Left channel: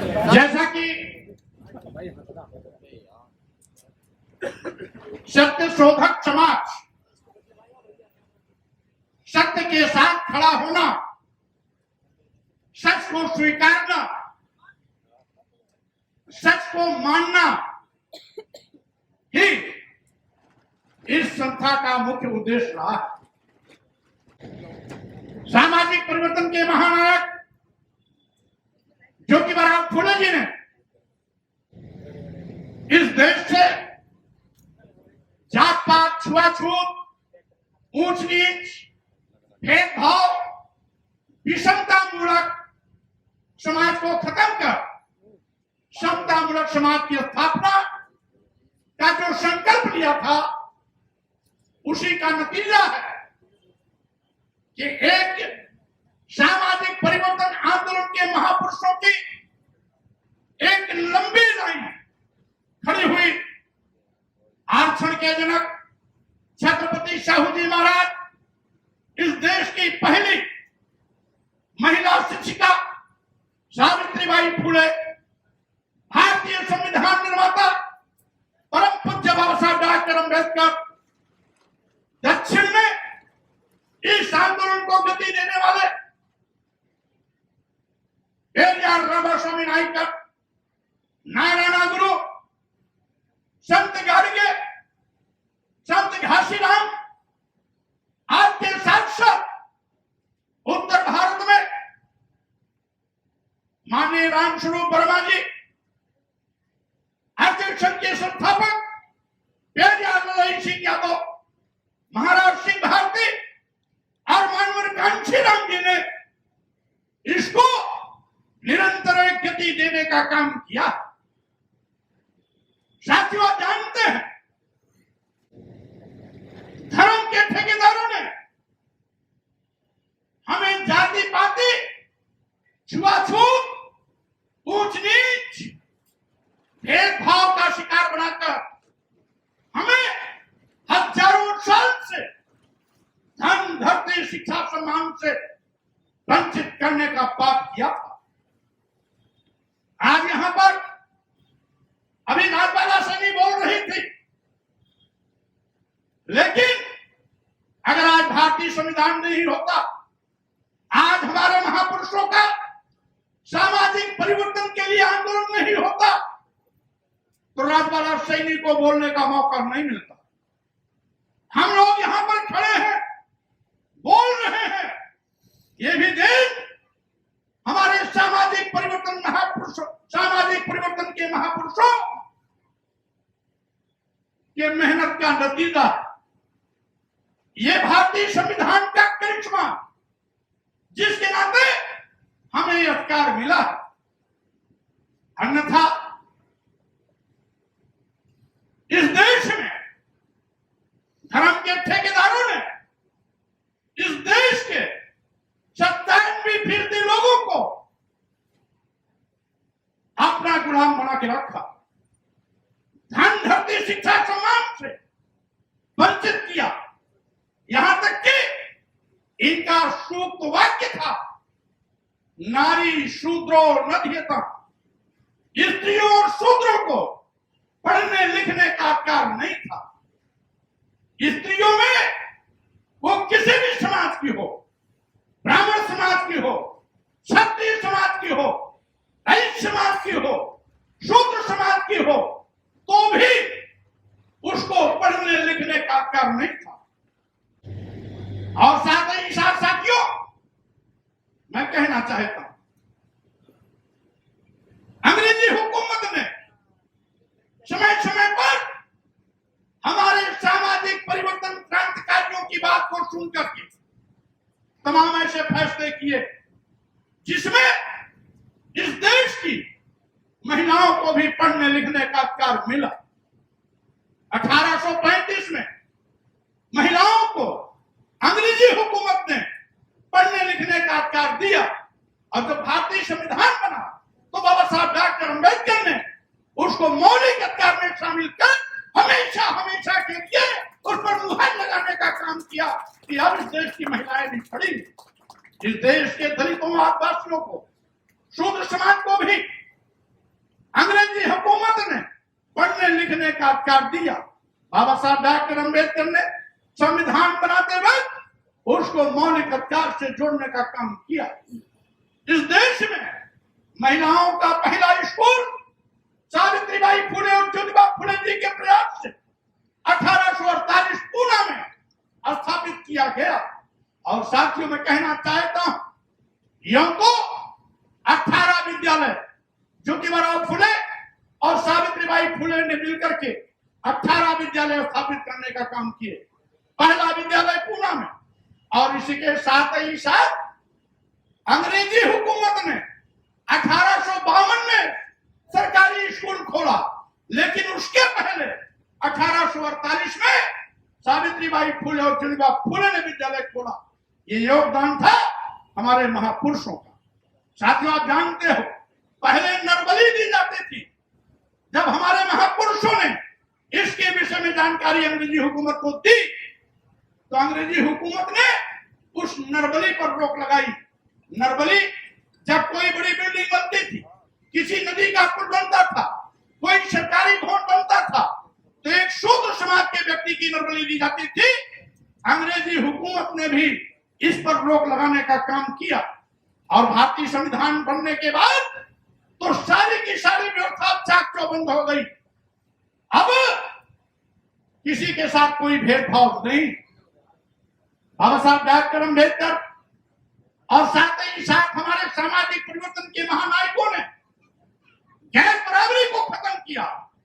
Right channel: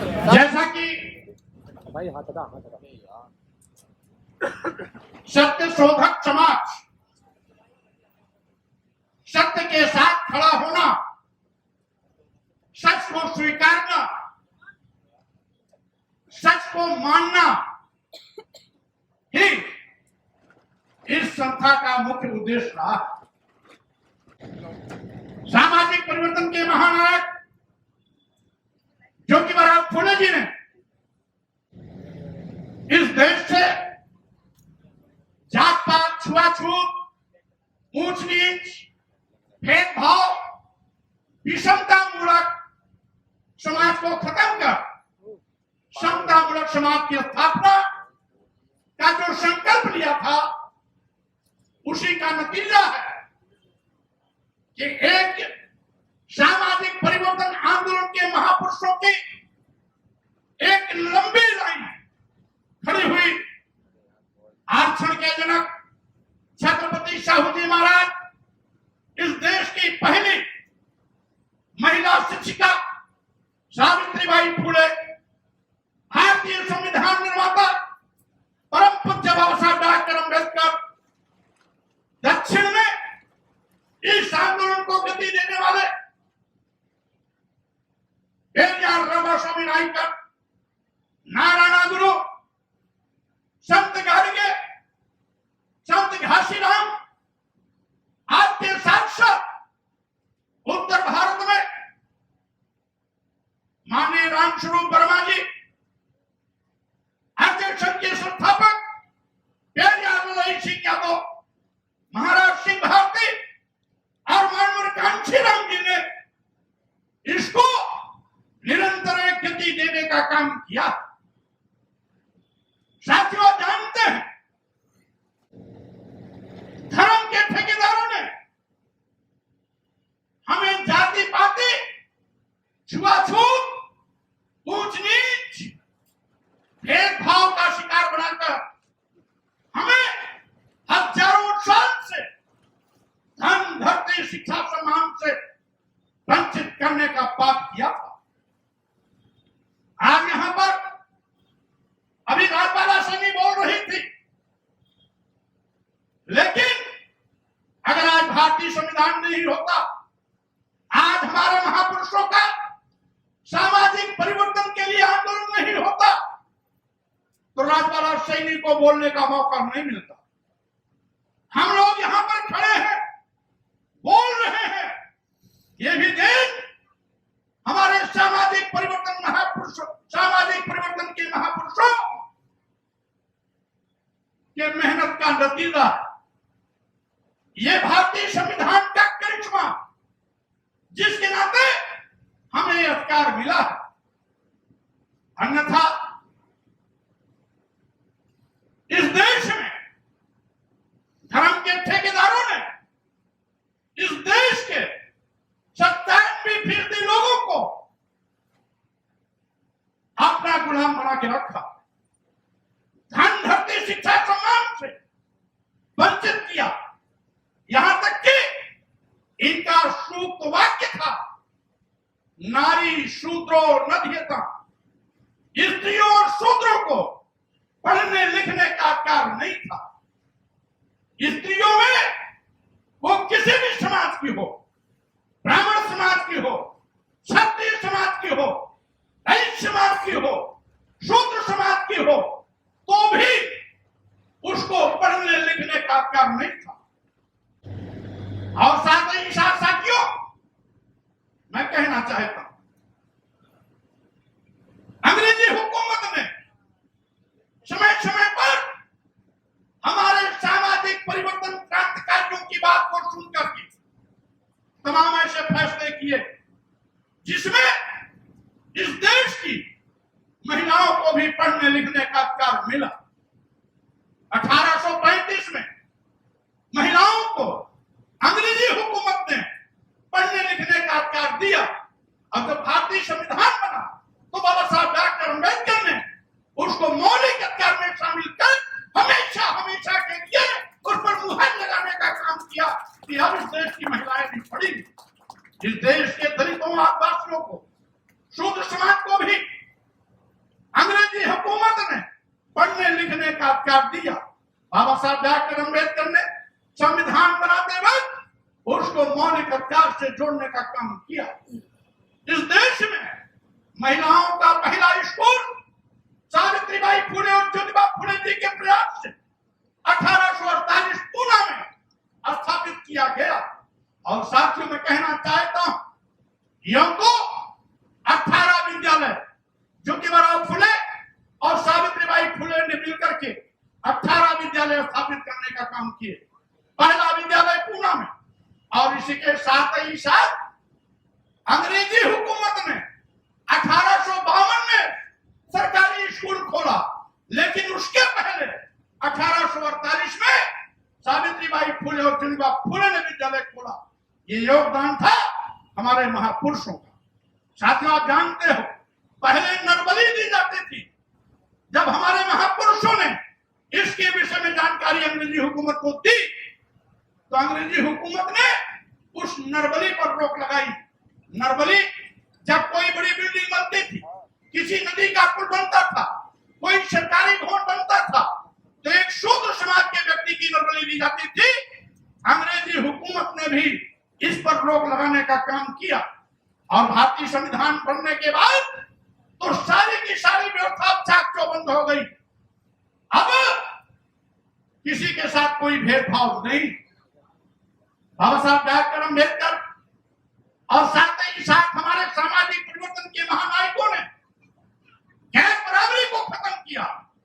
जैसा कि सत्य शोधक समाज, सत्य के साथ खड़ा होना, सच को स्वीकारना, सच को मानना ही इस संस्था का मुख्य उद्देश्य रहा। सामाजिक परिवर्तन के महानायक ज्योतिबा फुले जी ने इस देश से जात पात, छुआछूत, ऊंच नीच, भेदभाव, विषमता मूलक समाज को खत्म कर समता मूलक समाज की स्थापना का जो संकल्प लिया था, उसी का नतीजा है कि एक सामाजिक परिवर्तन आंदोलन के महापुरुषों की एक लंबी लाइन खड़ी हुई। आरक्षण के जनक छत्रपति साहू जी महाराज, इस देश की पहली महिला शिक्षिका सावित्रीबाई फुले, भारतीय संविधान निर्माता परम पूज्य बाबा साहब डॉक्टर अम्बेडकर, दक्षिण में इस आंदोलन को गति देने वाले पेरियार रामास्वामी नायकर, नारायण गुरु, संत गाडगे, संत घासीराम, आपके साथ साथ उत्तर भारत में माननीय रामस्वरूप वर्मा जी, आर्य संघ के संस्थापक पेरियार ललाई सिंह यादव, महाराज सिंह भारती और मानवर कांशीराम जी ने इसको निरंतर गति देने का काम किया। साथियों, जानते हैं धर्म के ठेकेदारों ने हमें जाति पाति, छुआछूत, ऊंच नीच, भेदभाव का शिकार बनाकर हमें हजारों साल से धन, धरती, शिक्षा, सम्मान से वंचित करने का पाप किया था। आज यहां पर अभी राज्यपाल सैनी बोल रही थी, लेकिन अगर आज भारतीय संविधान नहीं होता, आज हमारे महापुरुषों का सामाजिक परिवर्तन के लिए आंदोलन नहीं होता, तो राज्यपाल सैनी को बोलने का मौका नहीं मिलता। हम लोग यहां पर खड़े हैं, बोल रहे हैं, ये भी दिन हमारे सामाजिक परिवर्तन महापुरुषों, सामाजिक परिवर्तन के महापुरुषों के मेहनत का नतीजा है। ये भारतीय संविधान का करिश्मा, जिसके नाते हमें यह अधिकार मिला है। अन्यथा इस देश में धर्म के ठेकेदारों ने इस देश के 97% लोगों को अपना गुलाम बना के रखा, धन, धरती, शिक्षा, सम्मान से वंचित किया। यहां तक कि इनका सूक्त वाक्य था, नारी शूद्रो न ध्येता, स्त्रियों और शूद्रों को पढ़ने लिखने का अधिकार नहीं था। स्त्रियों में वो किसी भी समाज की हो, ब्राह्मण समाज की हो, क्षत्रिय समाज की हो, वैश्य समाज की हो, शूद्र समाज की हो, तो भी उसको पढ़ने लिखने का अधिकार नहीं था। और साथ ही साथियों, मैं कहना चाहता हूं, अंग्रेजी हुकूमत ने समय समय पर हमारे सामाजिक परिवर्तन क्रांतिकारियों की बात को सुनकर के तमाम ऐसे फैसले किए जिसमें इस देश की महिलाओं को भी पढ़ने लिखने का अधिकार मिला। 1835 में महिलाओं को अंग्रेजी हुकूमत ने पढ़ने लिखने का अधिकार दिया। अब जब भारतीय संविधान बना तो बाबा साहब डॉक्टर अम्बेडकर ने उसको मौलिक अधिकार में शामिल कर हमेशा हमेशा के लिए उस पर मुहर लगाने का काम किया कि अब इस देश की महिलाएं भी पढ़ेंगी। इस देश के दलितों, आदिवासियों को, शूद्र समाज को भी का अधिकार दिया। बाबा साहब डॉक्टर अम्बेडकर ने संविधान बनाते वक्त उसको मौलिक अधिकार से जोड़ने का काम किया। इस देश में महिलाओं का पहला स्कूल सावित्रीबाई फुले और ज्योतिबा फुले जी के प्रयास से 1848 पूना में स्थापित किया गया। और साथियों में कहना चाहता हूं, यह तो 18 विद्यालय ज्योतिबाराव फुले और सावित्रीबाई फुले ने मिलकर के 18 विद्यालय स्थापित करने का काम किए। पहला विद्यालय पूना में, और इसी के साथ ही साथ अंग्रेजी हुकूमत ने 1852 में सरकारी स्कूल खोला, लेकिन उसके पहले 1848 में सावित्रीबाई फुले और ज्योतिबा फुले ने विद्यालय खोला। ये योगदान था हमारे महापुरुषों का। साथियों, आप जानते हो पहले नरबली दी जाती थी। जब हमारे महापुरुषों ने इसके विषय में जानकारी अंग्रेजी हुकूमत को दी, तो अंग्रेजी हुकूमत ने उस नरबली पर रोक लगाई। नरबली जब कोई बड़ी बिल्डिंग बनती थी, किसी नदी का पुल बनता था, कोई सरकारी भवन बनता था, तो एक शूद्र समाज के व्यक्ति की नरबली दी जाती थी। अंग्रेजी हुकूमत ने भी इस पर रोक लगाने का काम किया। और भारतीय संविधान बनने के बाद तो सारी की सारी व्यवस्था चाक चौबंद हो गई। अब किसी के साथ कोई भेदभाव नहीं। बाबा साहब डॉक्टर अम्बेडकर और साथ ही साथ हमारे सामाजिक परिवर्तन के महानायकों ने गैर बराबरी को खत्म किया,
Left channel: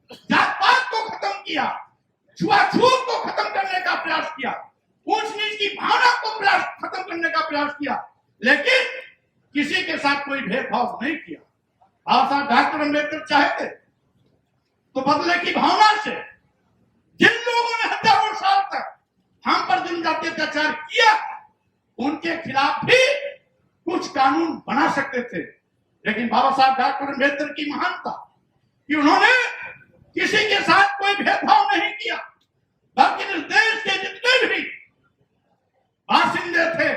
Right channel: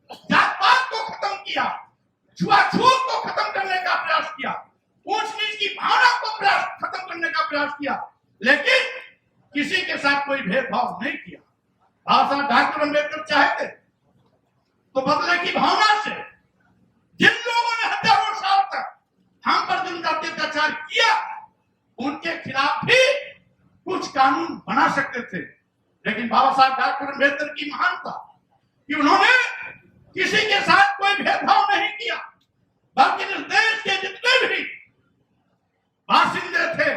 जात पात को खत्म किया, छुआछूत को खत्म करने का प्रयास किया, ऊंच नीच की भावना को खत्म करने का प्रयास किया, लेकिन किसी के साथ कोई भेदभाव नहीं किया। बाबा साहब डॉक्टर अम्बेडकर चाहते तो बदले की भावना से जिन लोगों ने हजारों साल तक हम पर जनजातीय अत्याचार किया, उनके खिलाफ भी कुछ कानून बना सकते थे। लेकिन बाबा साहब डॉक्टर अम्बेडकर की महानता कि उन्होंने किसी के साथ कोई भेदभाव नहीं किया, बल्कि इस देश के जितने भी बासिंदे थे,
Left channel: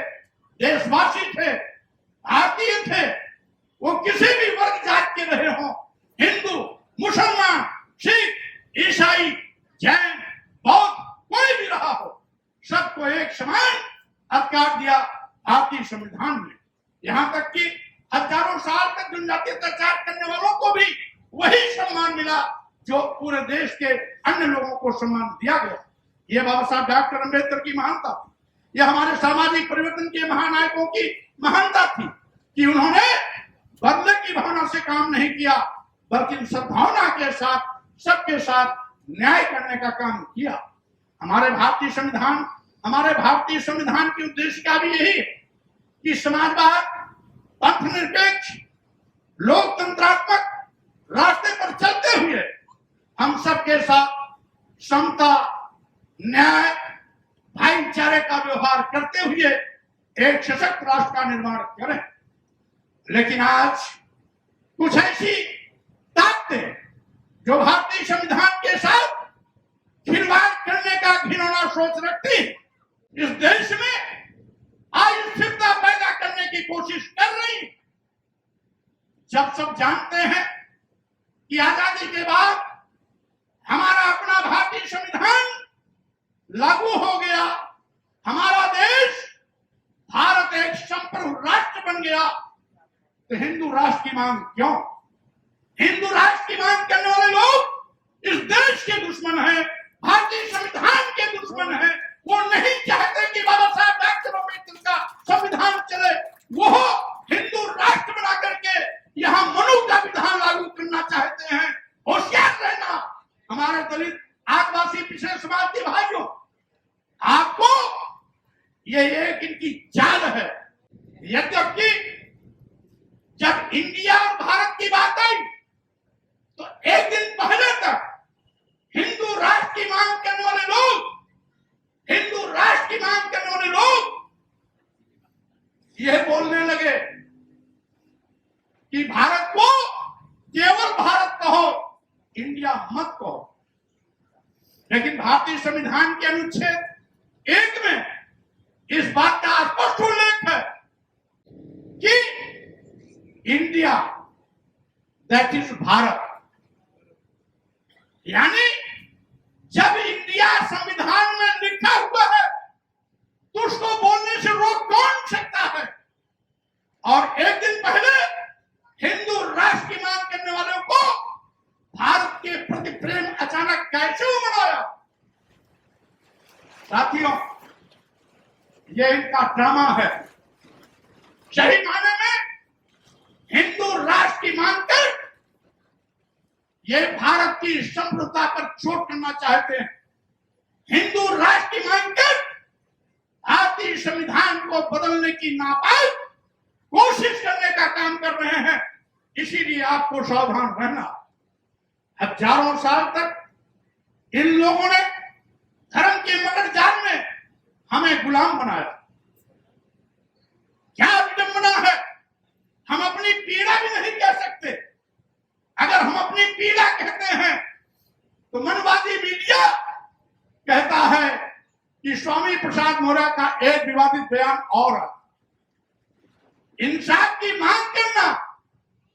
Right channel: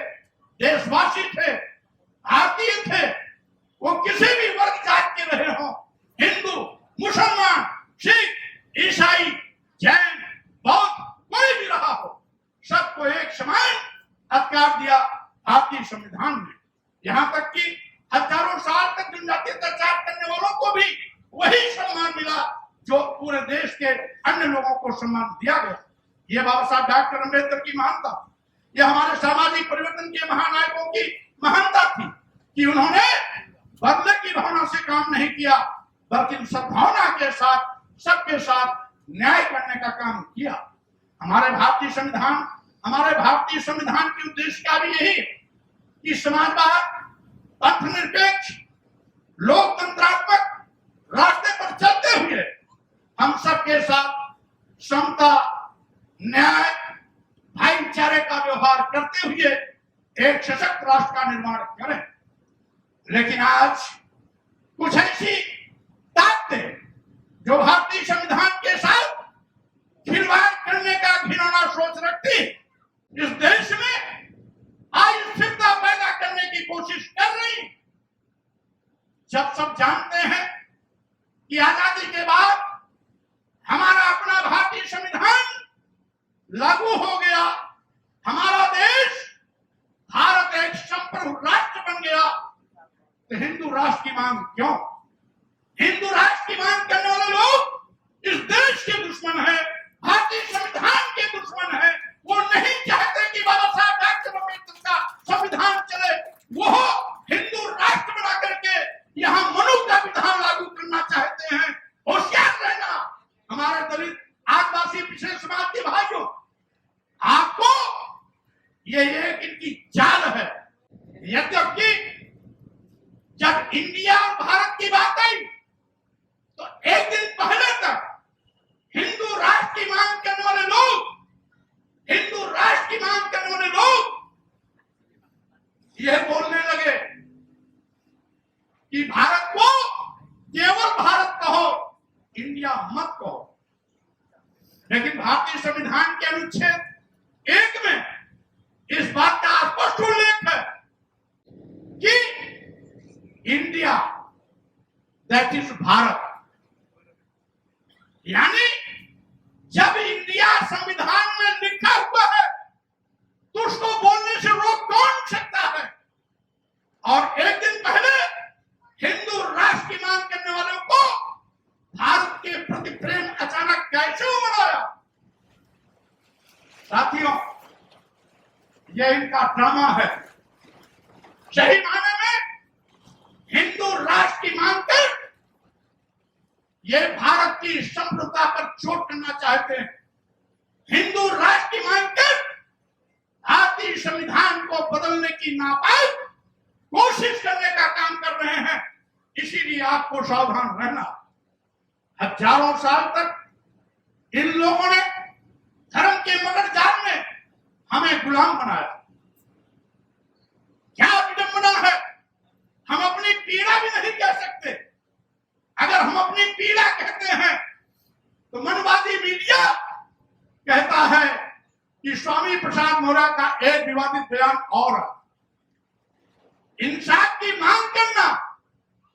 देशवासी थे, भारतीय थे, वो किसी भी वर्ग जात के रहे हों, हिंदू, मुसलमान, सिख, ईसाई, जैन, बौद्ध, कोई भी रहा हो, सबको एक समान अधिकार दिया भारतीय संविधान ने। यहाँ तक कि हजारों साल तक जनजातीय अत्याचार करने वालों को भी वही सम्मान मिला जो पूरे देश के अन्य लोगों को सम्मान दिया गया। ये बाबा साहब डॉक्टर अम्बेडकर की महानता थी। यह हमारे सामाजिक परिवर्तन के महानायकों की महानता थी कि उन्होंने बदले की भावना से काम नहीं किया, बल्कि सद्भावना के साथ सबके साथ न्याय करने का काम किया। हमारे भारतीय संविधान की उद्देश्य का भी यही है कि समाजवाद, पंथनिरपेक्ष, लोकतंत्रात्मक रास्ते पर चलते हुए हम सबके साथ समता, न्याय, भाईचारे का व्यवहार करते हुए एक सशक्त राष्ट्र का निर्माण करें। लेकिन आज कुछ ऐसी ताकतें जो भारतीय संविधान के साथ खिलवाड़ करने का घिनौना सोच रखती है, इस देश में अस्थिरता पैदा करने की कोशिश कर रही। जब सब जानते हैं कि आजादी के बाद हमारा अपना भारतीय संविधान लागू हो गया, हमारा देश भारत एक संप्रभु राष्ट्र बन गया, तो हिंदू राष्ट्र की मांग क्यों? हिंदू राष्ट्र की मांग करने वाले लोग इस देश के दुश्मन हैं, भारतीय संविधान के दुश्मन हैं। वो नहीं चाहते कि बाबा साहब डॉक्टर अम्बेडकर का संविधान चले। वो हिंदू राष्ट्र बना करके यहाँ मनु का विधान लागू करना चाहते हैं। होशियार रहना हमारे दलित, आदिवासी, पिछड़े समाज के भाइयों, आपको ये एक इनकी चाल है। यद्यपि जब इंडिया और भारत की बात आई तो एक दिन पहले तक हिंदू राष्ट्र की मांग करने वाले लोग, यह बोलने लगे कि भारत को केवल भारत कहो, इंडिया मत कहो। लेकिन भारतीय संविधान के अनुच्छेद 1 में इस बात का स्पष्ट उल्लेख है कि इंडिया दैट इज भारत, यानी जब इंडिया संविधान में लिखा हुआ है तो उसको बोलने से रोक कौन सकता है? और एक दिन पहले हिंदू राष्ट्र की मांग करने वालों को भारत के प्रति प्रेम अचानक कैसे उमड़ आया? साथियों, ये इनका ड्रामा है। सही माने में हिंदू राष्ट्र की मांग कर ये भारत की संप्रभुता पर चोट करना चाहते हैं। हिंदू राष्ट्र की मांग कर भारतीय संविधान को बदलने की नापाक कोशिश करने का काम कर रहे हैं। इसीलिए आपको सावधान रहना। हजारों साल तक इन लोगों ने धर्म के मगर जाल में हमें गुलाम बनाया। क्या विडंबना है, हम अपनी पीड़ा भी नहीं कह सकते। अगर हम अपनी पीड़ा कहते हैं तो मनवादी मीडिया कहता है कि स्वामी प्रसाद मौर्य का एक विवादित बयान और है। इंसाफ की मांग करना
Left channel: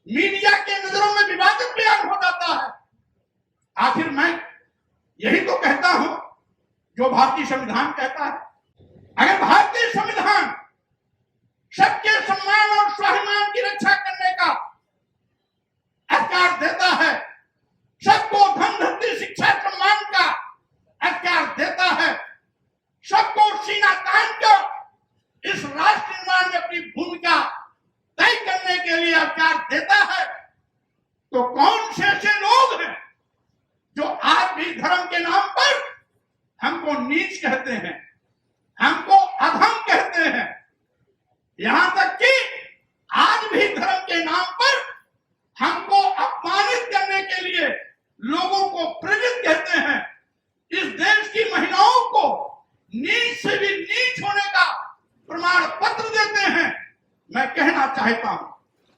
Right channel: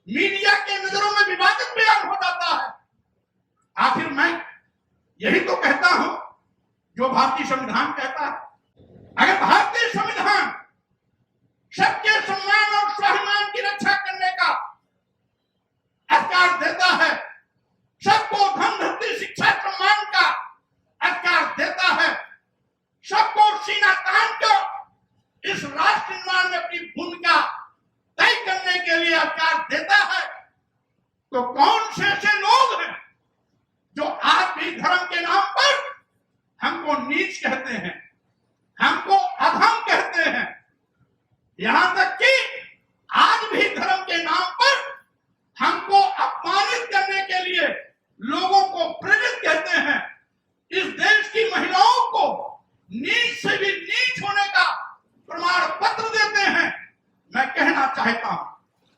मीडिया के नजरों में विवादित बयान हो जाता है। आखिर मैं यही तो कहता हूं जो भारतीय संविधान कहता है। अगर भारतीय संविधान सबके सम्मान और स्वाभिमान की रक्षा करने का अधिकार देता है, सबको धन धरती शिक्षा सम्मान का अधिकार देता है, सबको सीना तान कर इस राष्ट्र निर्माण में अपनी भूमिका तय करने के लिए अधिकार देता है, तो कौन से ऐसे लोग हैं जो आज भी धर्म के नाम पर हमको नीच कहते हैं, हमको अधम कहते हैं? यहां तक कि आज भी धर्म के नाम पर हमको अपमानित करने के लिए लोगों को प्रेरित कहते हैं। इस देश की महिलाओं को नीच से भी नीच होने का प्रमाण पत्र देते हैं। मैं कहना चाहता हूं,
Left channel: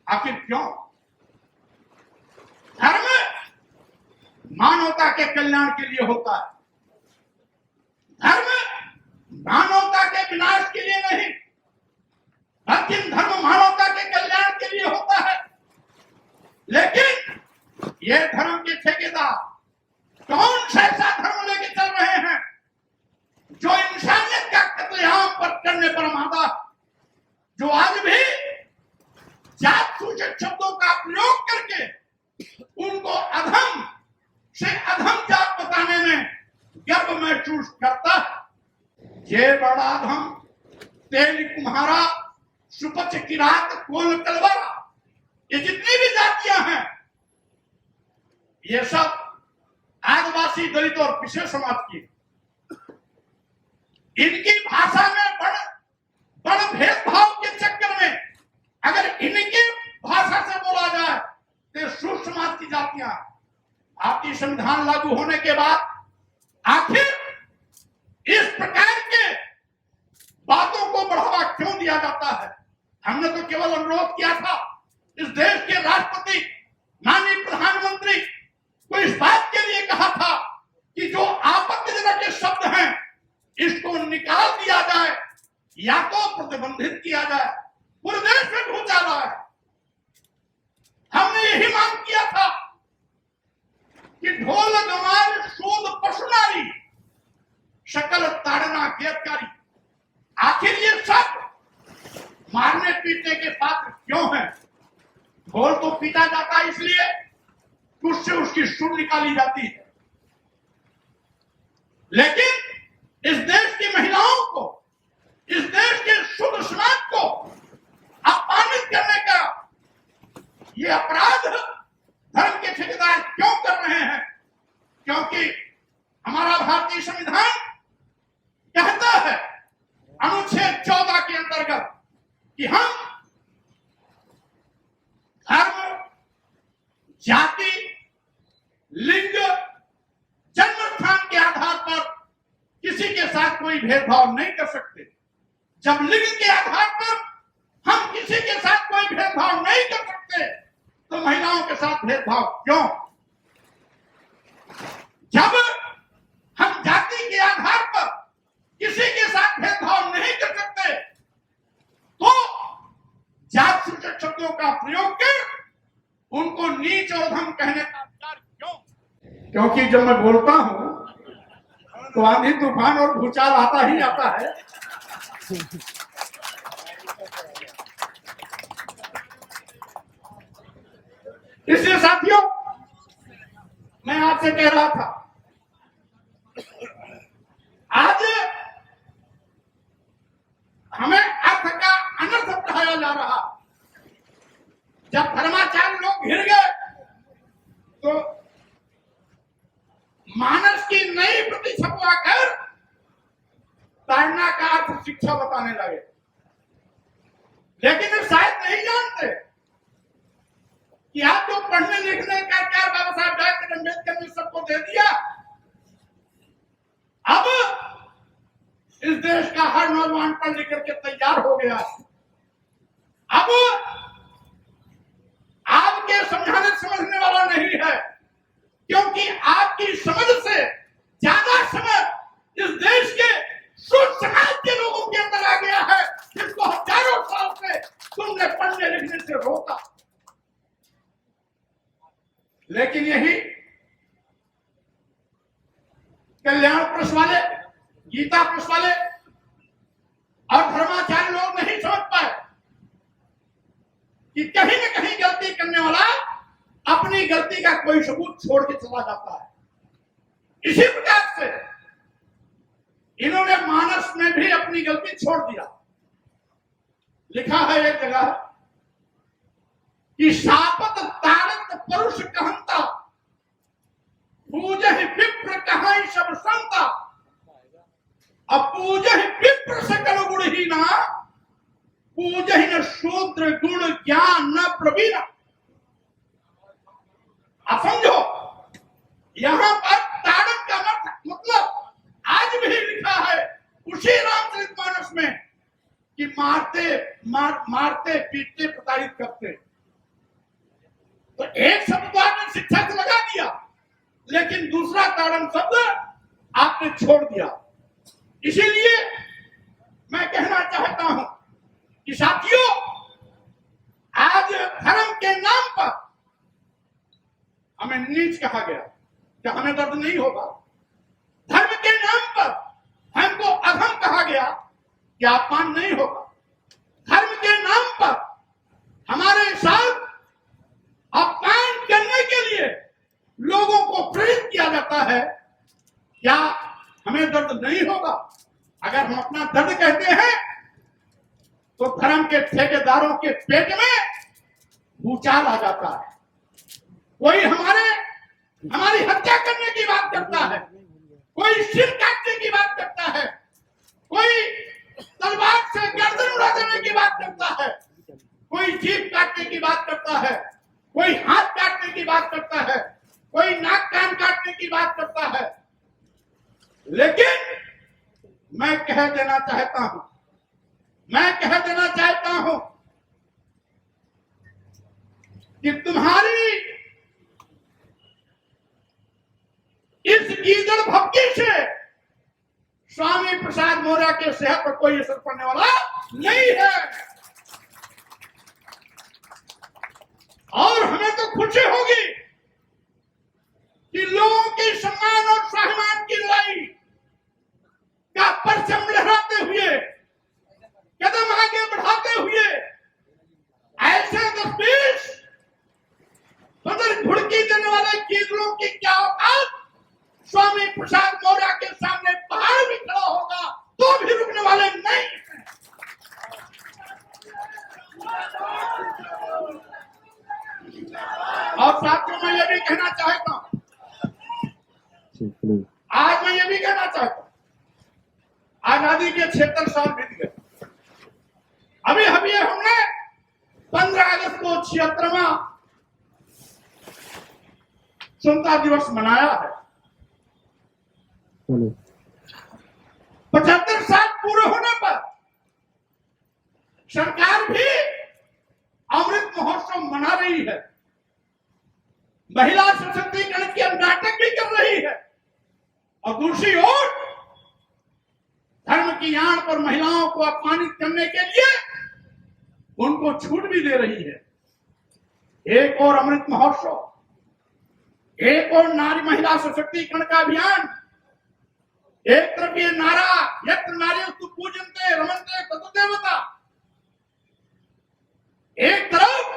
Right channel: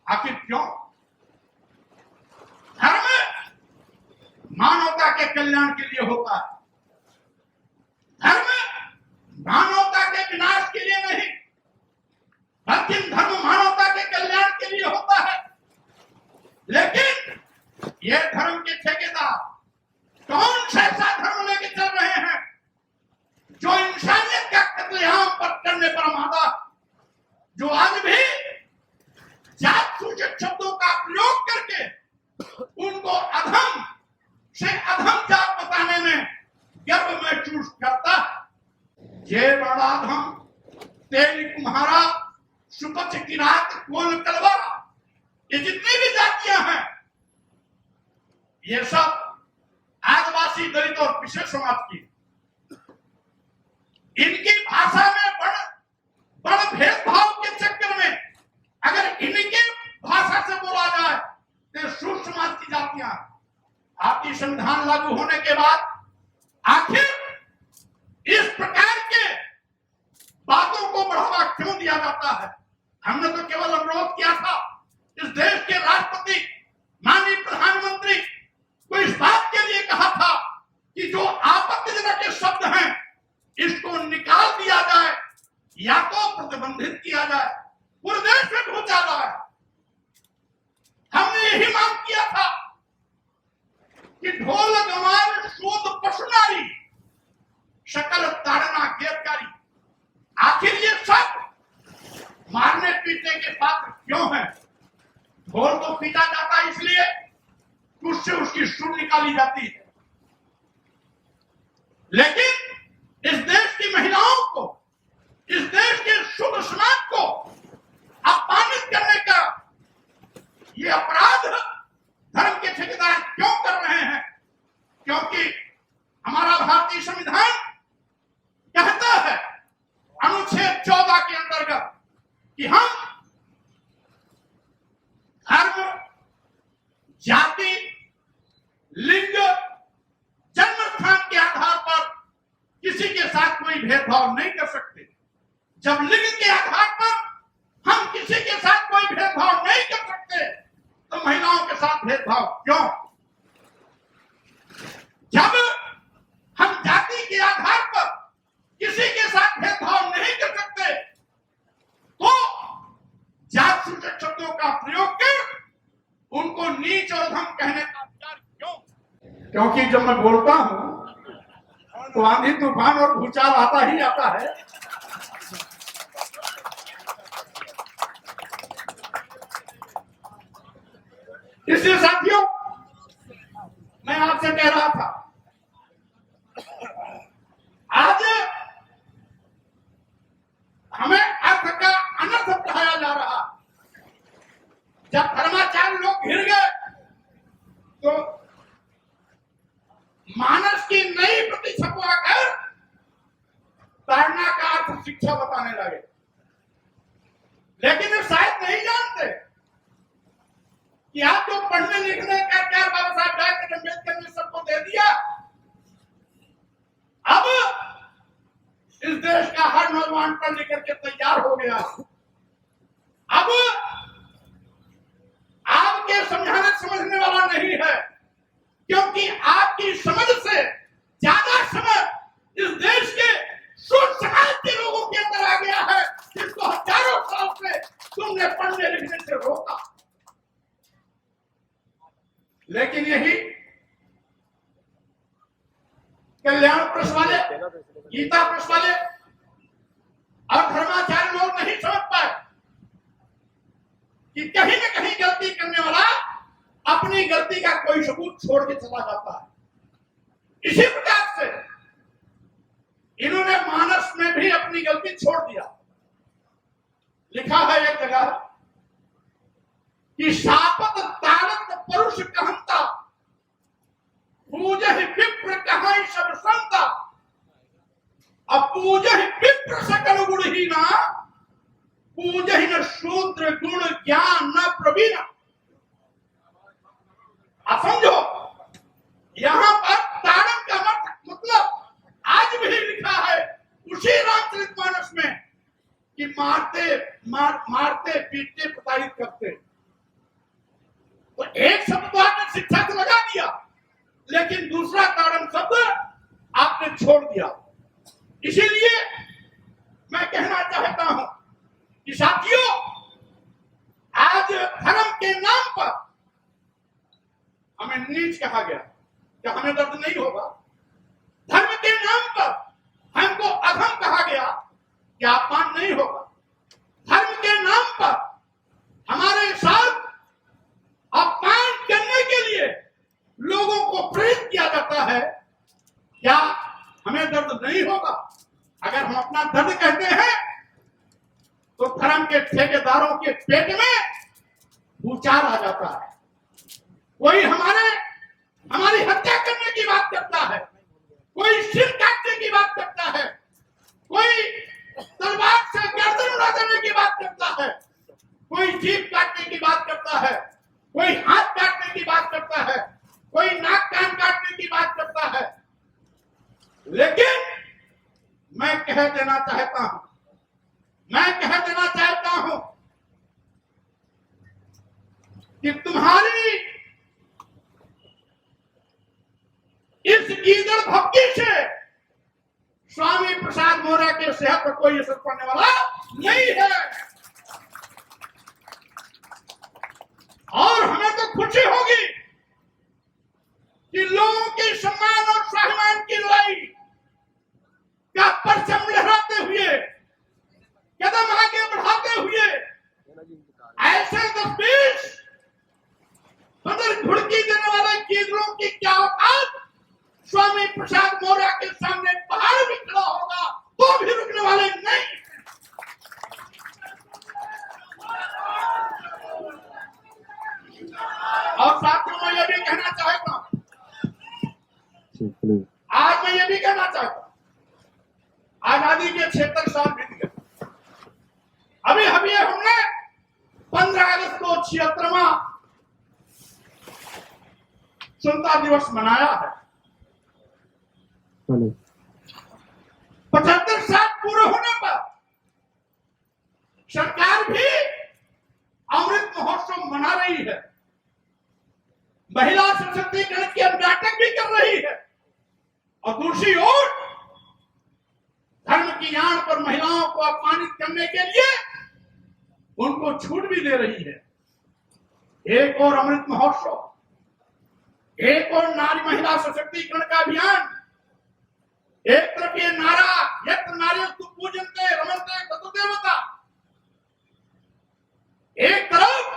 आखिर क्यों? धर्म मानवता के कल्याण के लिए होता है, धर्म मानवता के विनाश के लिए नहीं, बल्कि धर्म मानवता के कल्याण के लिए होता है। लेकिन ये धर्म के ठेकेदार कौन सा ऐसा धर्म लेके चल रहे हैं जो इंसानियत का कत्लेआम करने पर आमादा, जो आज भी जात सूचक शब्दों का प्रयोग करके उनको अधम से अधम जात बताने में गर्व महसूस करता है। ये बड़ा अधम तेल कुम्हारा सुपच किरात कोल कलवारा, ये जितनी भी जातियां हैं, ये सब आदिवासी दलित और पिछड़े समाज की, इनकी भाषा में बड़ भेदभाव के चक्कर में अगर इनकी भाषा से बोला जाए तो सूर समाज की जातियां भारतीय संविधान लागू होने के बाद आखिर इस प्रकार के बातों को बढ़ावा क्यों दिया जाता है? हमने तो केवल अनुरोध किया था, इस देश के राष्ट्रपति माननीय प्रधानमंत्री को इस बात के लिए कहा था कि जो आपत्तिजनक शब्द हैं इसको निकाल दिया जाए या तो प्रतिबंधित किया जाए। पूरे देश में घोटाला है। हमने यही मांग किया था कि ढोल गमार शोध पशुनारी शकल ताड़ना गिरफ्तारी, आखिर ये सब मारने पीटने के पात्र क्यों हैं? ढोल तो पीटा जाता है इसलिए कि उससे उसकी सुर निकाली जाती है, लेकिन इस देश की महिलाओं को, इस देश के शुद्ध समाज को अपमानित करने का ये अपराध धर्म के ठेकेदार क्यों कर रहे हैं? क्योंकि हमारा भारतीय संविधान कहता है अनुच्छेद 14 के अंतर्गत कि हम धर्म, जाति, लिंग, जन्म स्थान के आधार पर किसी के साथ कोई भेदभाव नहीं कर सकते। जब लिंग के आधार पर हम किसी के साथ कोई भेदभाव नहीं कर सकते तो महिलाओं के साथ भेदभाव क्यों? जब हम जाति के आधार पर किसी के साथ भेदभाव नहीं कर सकते तो जात सूचक शब्दों का प्रयोग कर उनको नीच और धम कहने का अधिकार क्यों? क्योंकि जब मैं बोलता हूं तो आंधी तूफान और भूचाल आता ही आता है। इसलिए साथियों, मैं आपसे कह रहा था, आज हमें अर्थ का अनर्थ पढ़ाया जा रहा। जब धर्माचार्य लोग घिर गए तो मानस की नई प्रति छपवा कर ताड़ना का अर्थ शिक्षा बताने लगे। लेकिन शायद नहीं जानते कि आप जो पढ़ने लिखने का क्या बाबा साहब डॉक्टर अम्बेडकर ने सबको दे दिया, अब इस देश का हर नौजवान पढ़ लिख करके तैयार हो गया। अब आपके समझाने समझने वाला नहीं है, क्योंकि आपकी समझ से ज्यादा समझ इस देश के शुद्ध समाज के लोगों के अंदर आ गया है, जिसको हजारों साल से तुमने पढ़ने लिखने से रोका। लेकिन यही कल्याण प्रेस वाले, गीता प्रेस वाले और धर्माचार्य लोग नहीं समझ पाए कि कहीं न कहीं गलती करने वाला अपनी गलती का कोई सबूत छोड़ के चला जाता है। इसी प्रकार से इन्होंने मानस में भी अपनी गलती छोड़ दिया। लिखा है एक जगह कि शापत तारत परुष कहंता, पूजहि विप्र कहाई सब संता, अपूजहि विप्र सकल गुणहीना, पूजहि न शूद्र गुण ज्ञान न प्रवीण। आप समझो, यहां पर ताड़न का मतलब आज भी लिखा है उसी रामचरितमानस में कि मारते पीटते प्रताड़ित करते। तो एक शब्द तो आपने शिक्षा से लगा दिया, लेकिन दूसरा ताड़न शब्द आपने छोड़ दिया। इसीलिए मैं कहना चाहता हूं कि साथियों, आज धर्म के नाम पर हमें नीच कहा गया। क्या हमें दर्द नहीं होगा? धर्म के नाम पर हमको अधम कहा गया, क्या अपमान नहीं होगा? धर्म के नाम पर हमारे साथ अपमान करने के लिए लोगों को प्रेरित किया जाता है, क्या हमें दर्द नहीं होगा? अगर हम अपना दर्द कहते हैं तो धर्म के ठेकेदारों के पेट में भूचाल आ जाता है। कोई हमारी हत्या करने की बात करता है, कोई सिर काटने की बात करता है, कोई तलवार से गर्दन उड़ा देने की बात करता है, कोई जीभ काटने की बात करता है, कोई हाथ काटने की बात करता है, कोई नाक कान काटने की बात करता है। लेकिन मैं कह देना चाहता हूं कि तुम्हारी इस गीदड़ भक्ति से स्वामी प्रसाद मौर्य के सेहत पर कोई असर पड़ने वाला नहीं है। और हमें तो खुशी होगी कि लोगों के सम्मान और स्वाभिमान की लड़ाई का परचम लहराते हुए, कदम आगे बढ़ाते हुए ऐसे 10-20 बदल घुड़की देने वाले गीदड़ों की क्या औकात स्वामी प्रसाद मौर्य के सामने पहाड़ भी खड़ा होगा तो भी रुकने वाले नहीं हैं। और साथियों, मैं ये भी कहना चाहता हूं, आज मैं ये भी कहना चाहता हूं, आजादी के 76 साल बीत गए। अभी हमने 15 अगस्त को 76वां स्वतंत्रता दिवस मनाया है। 75 साल पूरे होने पर सरकार भी अमृत महोत्सव मना रही है, महिला सशक्तिकरण के नाटक भी कर रही है, और दूसरी ओर धर्म की आड़ पर महिलाओं को अपमानित करने के लिए उनको छूट भी दे रही है। एक और अमृत महोत्सव, एक और नारी महिला सशक्तिकरण का अभियान, एक तरफ ये नारा यत्र नार्यस्तु पूजन्ते रमन्ते ततो देवता, एक तरफ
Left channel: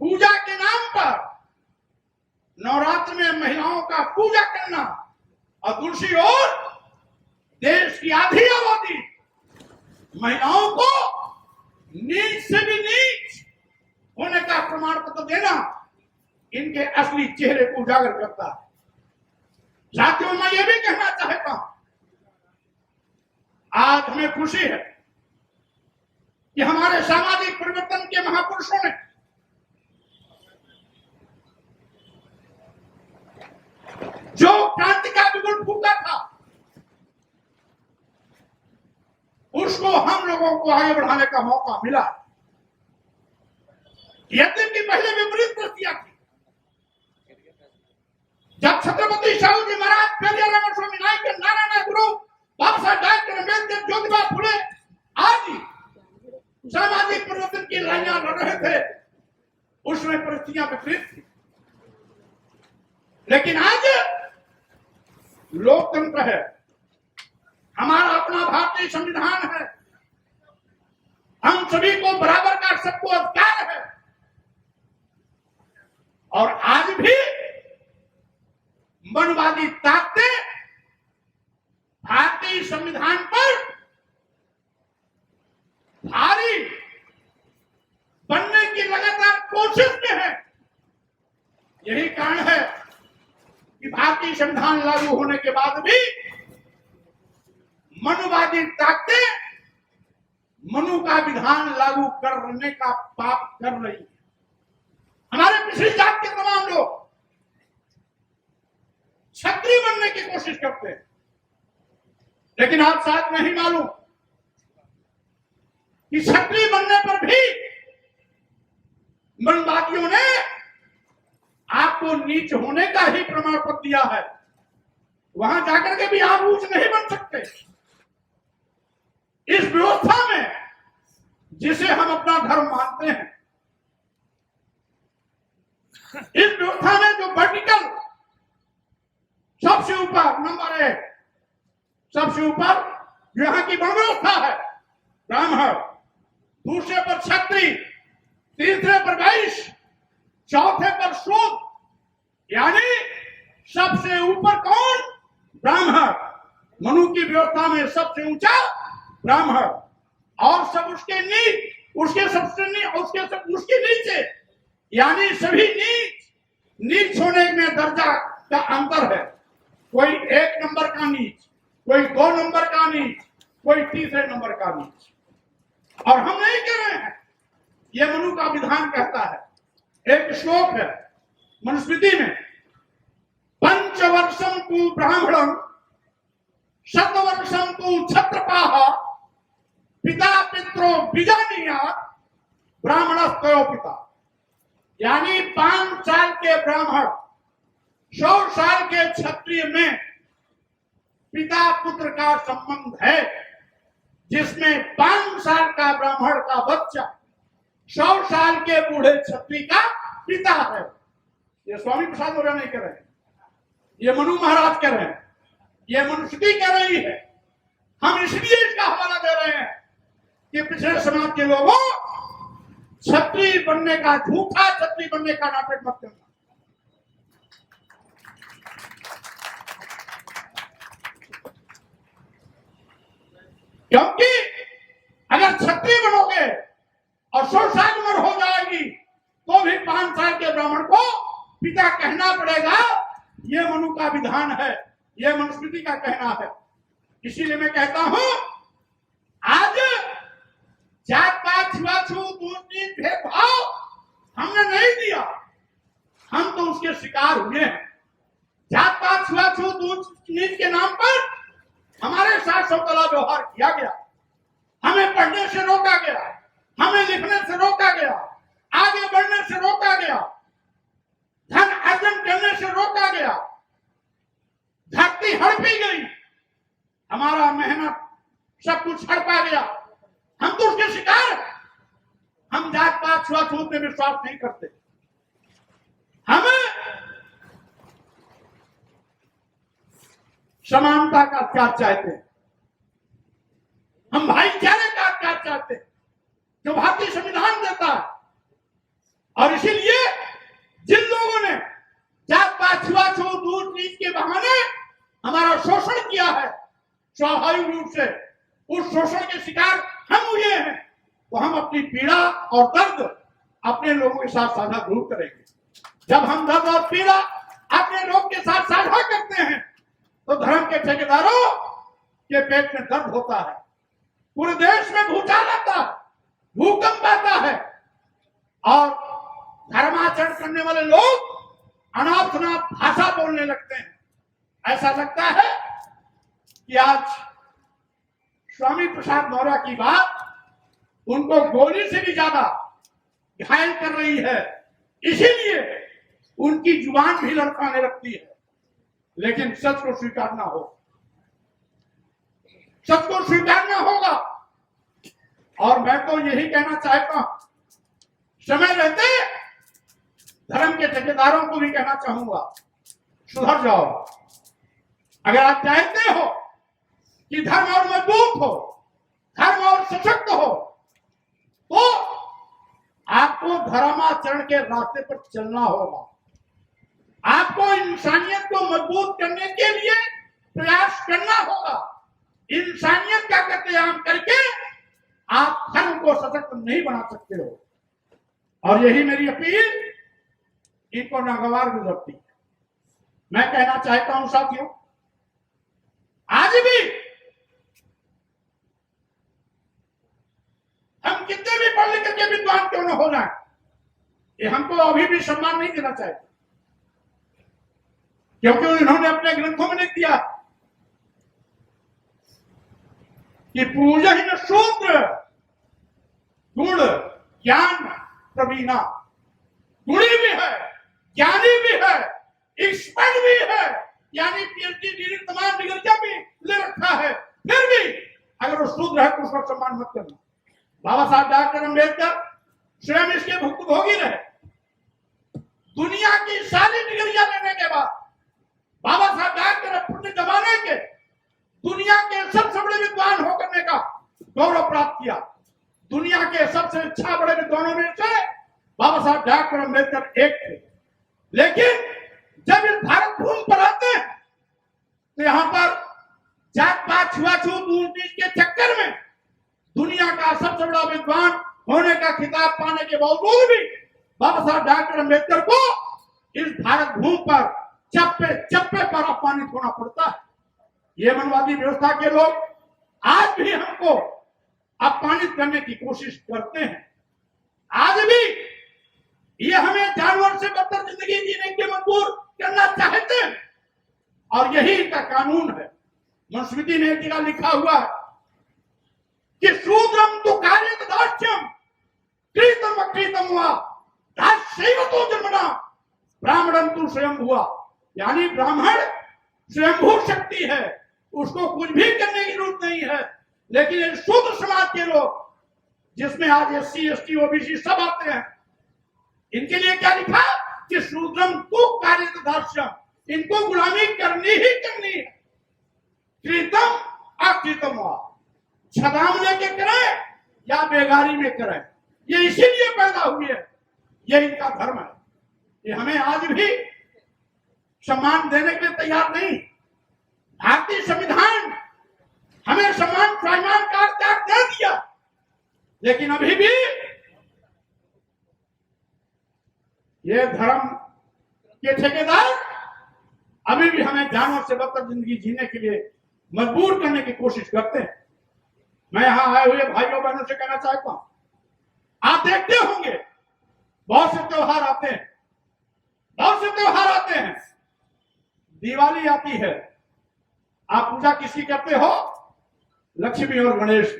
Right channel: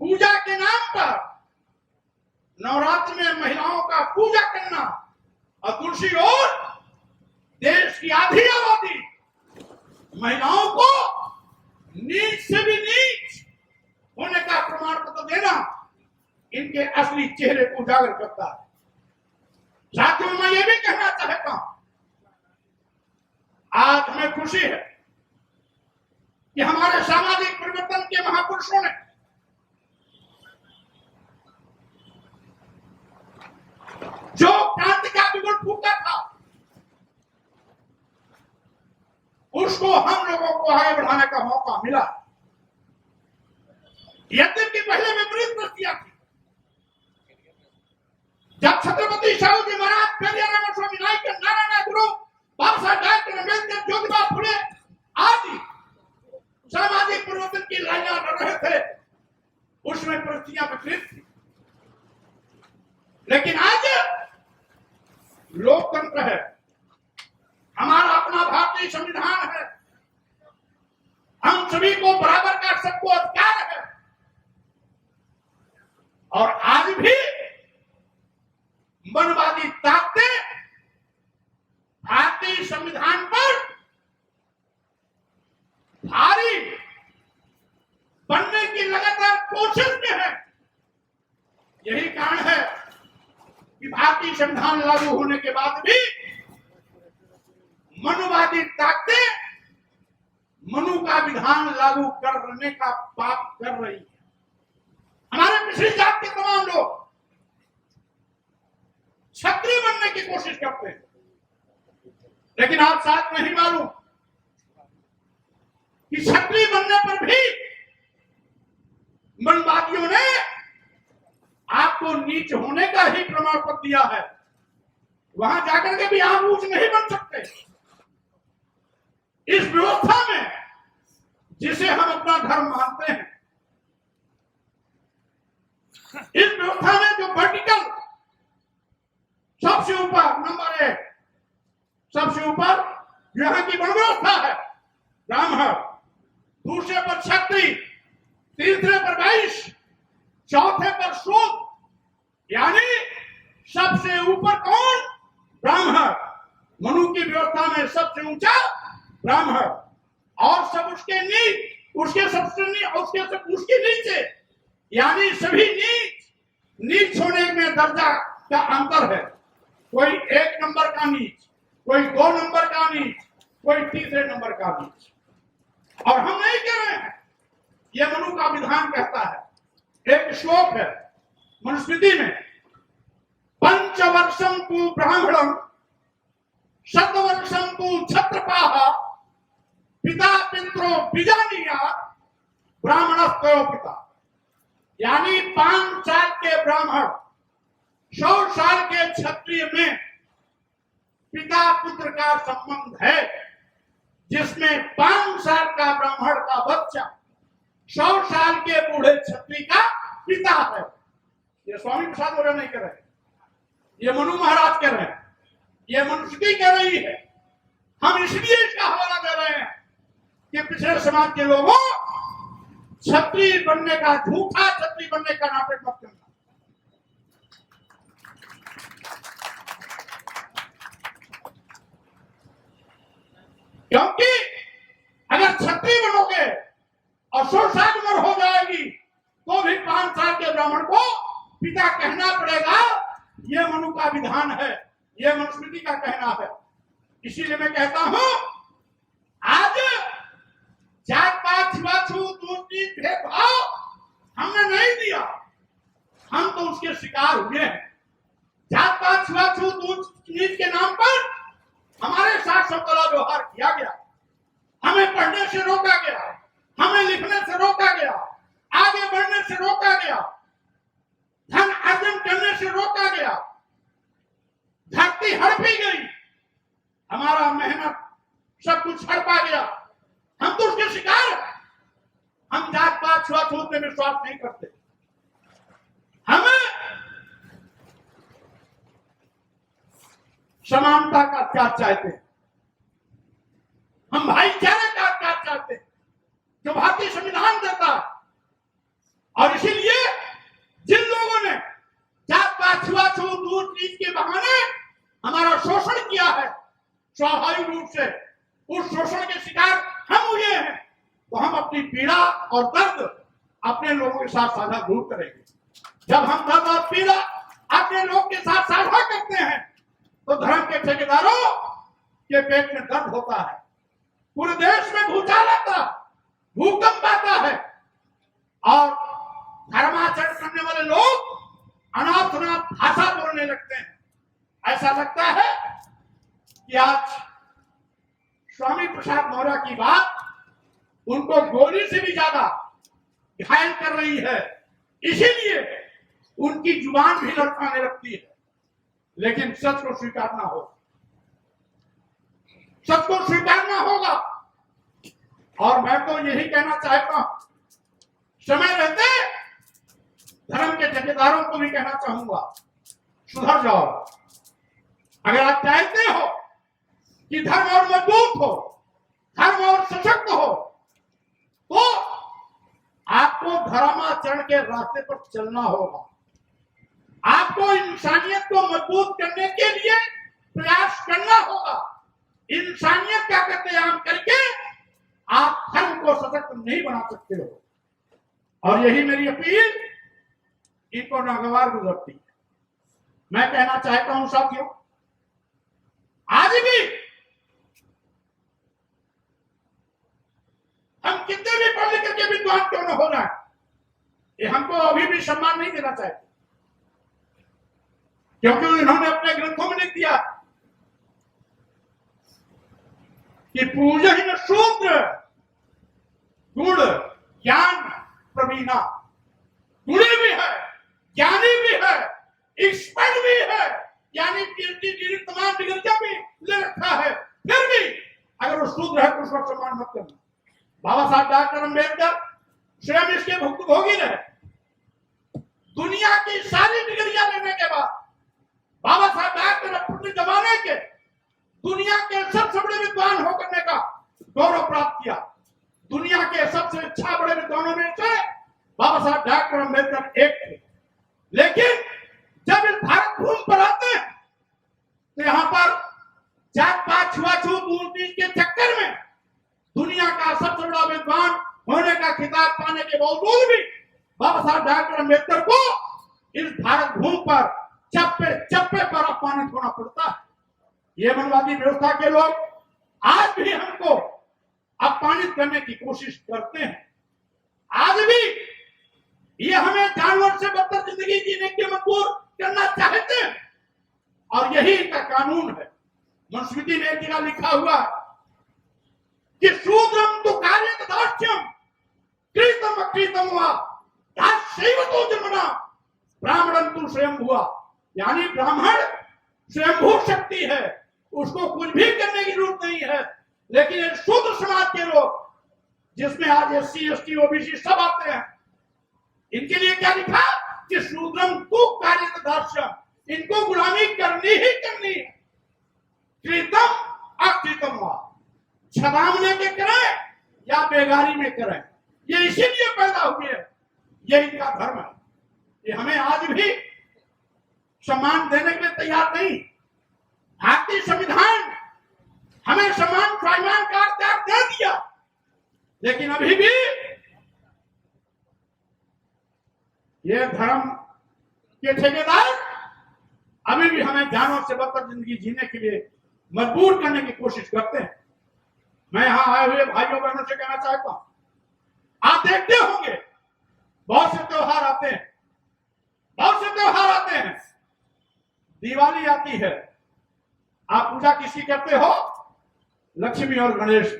पूजा के नाम पर नवरात्र में महिलाओं का पूजा करना, और दूसरी ओर देश की आधी आबादी महिलाओं को नीच से भी नीच होने का प्रमाण पत्र देना इनके असली चेहरे को उजागर करता है। साथियों, मैं ये भी कहना चाहता हूं, आज हमें खुशी है कि हमारे सामाजिक परिवर्तन के महापुरुषों ने जो क्रांति का बिगुल फूका था उसको हम लोगों को आगे बढ़ाने का मौका मिला। यद्यपि पहले विपरीत परिस्थितियां थी, जब छत्रपति शिवाजी जी महाराज, पेरियार स्वामी नायकर, नारायण गुरु, बाबा साहब डॉक्टर अम्बेडकर, ज्योतिबा फुले आदि सामाजिक परिवर्तन की लड़ाइयां लड़ रहे थे, उसमें परिस्थितियां विपरीत थी। लेकिन आज लोकतंत्र है, हमारा अपना भारतीय संविधान है, हम सभी को बराबर का सबको अधिकार है, और आज भी मनवादी ताकतें भारतीय संविधान पर भारी बनने की लगातार कोशिश में है। यही कारण है कि भारतीय संविधान लागू होने के बाद भी मनुवादी ताकतें मनु का विधान लागू करने का पाप कर रही है। हमारे पिछड़ी जात के तमाम लोग क्षत्रिय बनने की कोशिश करते हैं, लेकिन आप साथ नहीं मालूम कि क्षत्रिय बनने पर भी मनवादियों ने आपको नीच होने का ही प्रमाण पत्र दिया है। वहां जाकर के भी आप ऊंच नहीं बन सकते। इस व्यवस्था में जिसे हम अपना धर्म मानते हैं, इस व्यवस्था में जो वर्टिकल सबसे ऊपर नंबर 1, सबसे ऊपर यहाँ की वर्ण व्यवस्था है ब्राह्मण, दूसरे पर क्षत्रिय, तीसरे पर वैश्य, चौथे पर शूद्र, यानी सबसे ऊपर कौन? ब्राह्मण। मनु की व्यवस्था में सबसे ऊंचा ब्राह्मण, और सब उसके नीच, उसके सबसे उसके नीचे, यानी सभी नीच होने में दर्जा का अंतर है। कोई 1 नंबर का नीच, कोई 2 नंबर का नीच, कोई तीसरे नंबर का नीच। और हम नहीं कह रहे हैं, यह मनु का विधान कहता है। एक श्लोक है मनुस्मृति में, पंचवर्षम तु ब्राह्मणम शतवर्षम तु क्षत्रपाः पिता पित्रो बीजानीया ब्राह्मणस्तयो पिता, यानी 5 साल के ब्राह्मण 100 साल के क्षत्रिय में पिता पुत्र का संबंध है, जिसमें 5 साल का ब्राह्मण का बच्चा 100 साल के बूढ़े क्षत्रिय का पिता है। ये स्वामी प्रसाद वगैरह नहीं कह रहे हैं, ये मनु महाराज कह रहे हैं, ये मनुस्मृति कह रही है। हम इसलिए इसका हवाला दे रहे हैं कि पिछड़े समाज के लोगों क्षत्रिय बनने का, झूठा क्षत्रिय बनने का नाटक मत करना। क्योंकि अगर क्षत्रिय बनोगे और 100 साल उम्र हो जाएगी तो भी 5 साल के ब्राह्मण को पिता कहना पड़ेगा। यह मनु का विधान है, यह मनुस्मृति का कहना है। इसीलिए मैं कहता हूं, आज जात पात छुआछूत ऊंच नीच भेदभाव हमने नहीं दिया, हम तो उसके शिकार हुए हैं। जात पात छुआछूत ऊंच नीच के नाम पर हमारे साथ सब कला व्यवहार किया गया, हमें पढ़ने से रोका गया, हमें लिखने से रोका गया, आगे बढ़ने से रोका गया, धन अर्जन करने से रोका गया, धरती हड़पी गई, हमारा मेहनत सब कुछ हड़पा गया। हम तो उसके शिकार हैं। हम जात पात छुआछूत में विश्वास नहीं करते। हमें समानता का क्या चाहते हैं, हम भाईचारे का क्या चाहते हैं जो भारतीय संविधान देता है। और इसीलिए जिन लोगों ने जात पात छुआछूत ऊंच नीच के बहाने हमारा शोषण किया है, स्वाभाविक रूप से उस शोषण के शिकार हम हुए हैं, तो हम अपनी पीड़ा और दर्द अपने लोगों के साथ साझा जरूर करेंगे। जब हम दर्द और पीड़ा अपने लोगों के साथ साझा करते हैं तो धर्म के ठेकेदारों के पेट में दर्द होता है, पूरे देश में भूचाल आता है, भूकंप आता है और धर्माचरण करने वाले लोग अनाप शनाप भाषा बोलने लगते हैं। ऐसा लगता है कि आज स्वामी प्रसाद मौर्य की बात उनको गोली से भी ज्यादा घायल कर रही है, इसीलिए उनकी जुबान भी लड़खड़ाने लगती है। लेकिन सच को स्वीकारना हो, सच को स्वीकारना होगा। और मैं तो यही कहना चाहता हूं, समय रहते धर्म के ठेकेदारों को भी कहना चाहूंगा, सुधर जाओ। अगर आप चाहते हो कि धर्म और मजबूत हो, धर्म और सशक्त हो, तो आपको धर्माचरण के रास्ते पर चलना होगा। आपको इंसानियत को मजबूत करने के लिए प्रयास करना होगा। इंसानियत का कत्लेआम करके आप धर्म को सशक्त नहीं बना सकते हो। और यही मेरी अपील इनको नागवार गुजरती है। मैं कहना चाहता हूं साथियों, आज भी हम कितने भी पढ़ लिख के विद्वान क्यों न हो जाए, ये हमको अभी भी सम्मान नहीं देना चाहिए, क्योंकि इन्होंने अपने ग्रंथों में लिख दिया कि पूजन शूद्र गुण ज्ञान प्रवीणा। गुणी भी है, ज्ञानी भी है, एक्सपर्ट भी है, यानी पीएचडी डिग्री तमाम डिग्रियां भी ले रखा है, फिर भी अगर वो शूद्र है तो उसका सम्मान मत करना। बाबा साहब डॉक्टर अम्बेडकर स्वयं इसके भुक्तभोगी रहे। दुनिया की सारी डिग्रियां लेने के बाद बाबा साहब डॉक्टर अपने जमाने के दुनिया के सबसे बड़े विद्वान होकर का गौरव प्राप्त किया। दुनिया के सबसे अच्छा बड़े विद्वानों में से बाबा साहब डॉक्टर अम्बेडकर एक थे। लेकिन जब इस भारत भूमि पर आते हैं तो यहाँ पर जात पात छुआछूत ऊंच नीच के चक्कर में दुनिया का सबसे बड़ा विद्वान होने का खिताब पाने के बावजूद भी बाबा साहब डॉक्टर अम्बेडकर को इस भारत भूमि पर चप्पे चप्पे पर अपमानित होना पड़ता है। ये मनवादी व्यवस्था के लोग आज भी हमको अपमानित करने की कोशिश करते हैं। आज भी ये हमें जानवर से बदतर जिंदगी जीने के मजबूर करना चाहते हैं और यही इनका कानून है। मनुस्मृति ने एक जगह लिखा हुआ कि शूद्रम तो कार्य दास्यम कृतम अकृतम हुआ दास्यैव तो जन्मना ब्राह्मणम तो स्वयं हुआ। यानी ब्राह्मण स्वयंभू शक्ति है, उसको कुछ भी करने की जरूरत नहीं है। लेकिन ये शूद्र समाज के लोग, जिसमें आज एससी एसटी ओबीसी सब आते हैं, इनके लिए क्या लिखा कि शूद्रम तो कार्य दास्यम, इनको गुलामी करनी ही करनी है। कृतम अकृतम हुआ, छदाम लेके करें या बेगारी में करें, ये इसीलिए पैदा हुए हैं, ये इनका धर्म है। ये हमें आज भी सम्मान देने के लिए तैयार नहीं। भारतीय संविधान हमें सम्मान सम्मान का अधिकार दे दिया, लेकिन अभी भी ये धर्म के ठेकेदार अभी भी हमें जानवर से बदतर जिंदगी जीने के लिए मजबूर करने की कोशिश करते हैं। मैं यहां आए हुए भाइयों बहनों से कहना चाहता हूं, आप देखते होंगे बहुत से त्योहार आते हैं, बहुत से त्योहार आते हैं। दिवाली आती है, आप पूजा किसकी करते हो? लक्ष्मी और गणेश।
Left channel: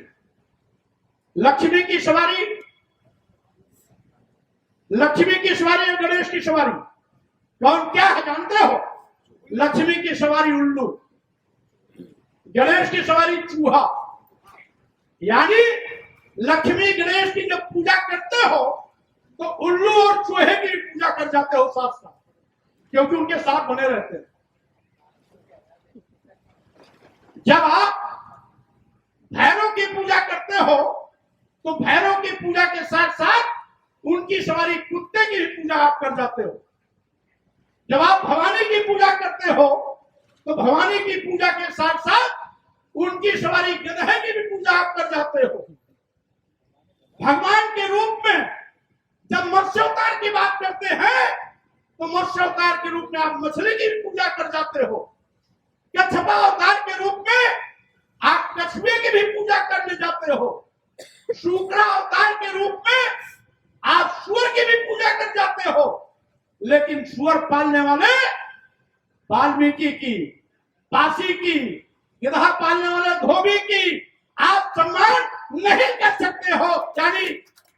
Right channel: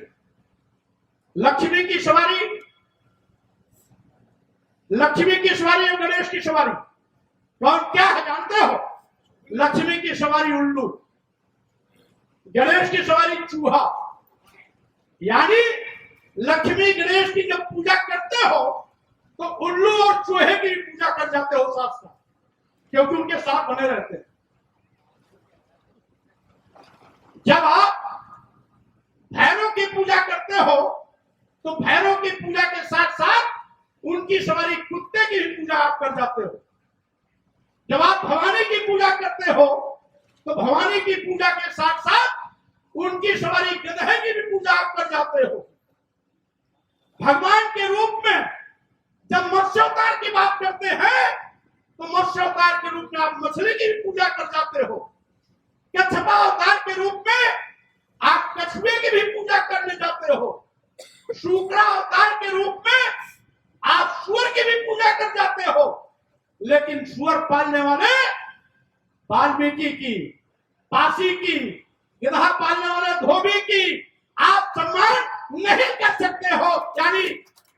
लक्ष्मी की सवारी, लक्ष्मी की सवारी और गणेश की सवारी कौन क्या है जानते हो? लक्ष्मी की सवारी उल्लू, गणेश की सवारी चूहा। यानी लक्ष्मी गणेश की जब पूजा करते हो तो उल्लू और चूहे की पूजा कर जाते हो साथ साथ, क्योंकि उनके साथ बने रहते हैं। जब आप भैरव की पूजा करते हो तो भैरव की पूजा के साथ साथ उनकी सवारी कुत्ते की भी पूजा आप कर जाते हो। जब आप भवानी की पूजा करते हो तो भवानी की पूजा के साथ साथ उनकी सवारी गधे की भी पूजा आप कर जाते हो। भगवान के रूप में जब मत्स्यावतार की बात करते हैं तो मत्स्यावतार के रूप में आप मछली की भी पूजा कर जाते हो। कच्छपा अवतार के रूप में आप कछुए की भी पूजा करने जाते हो। शुक्रा अवतार के रूप में आप सूअर की भी पूजा कर जाते हो। लेकिन सूअर पालने वाले वाल्मीकि की, पासी की, गधा पालने वाले धोबी की आप सम्मान नहीं कर सकते हो। यानी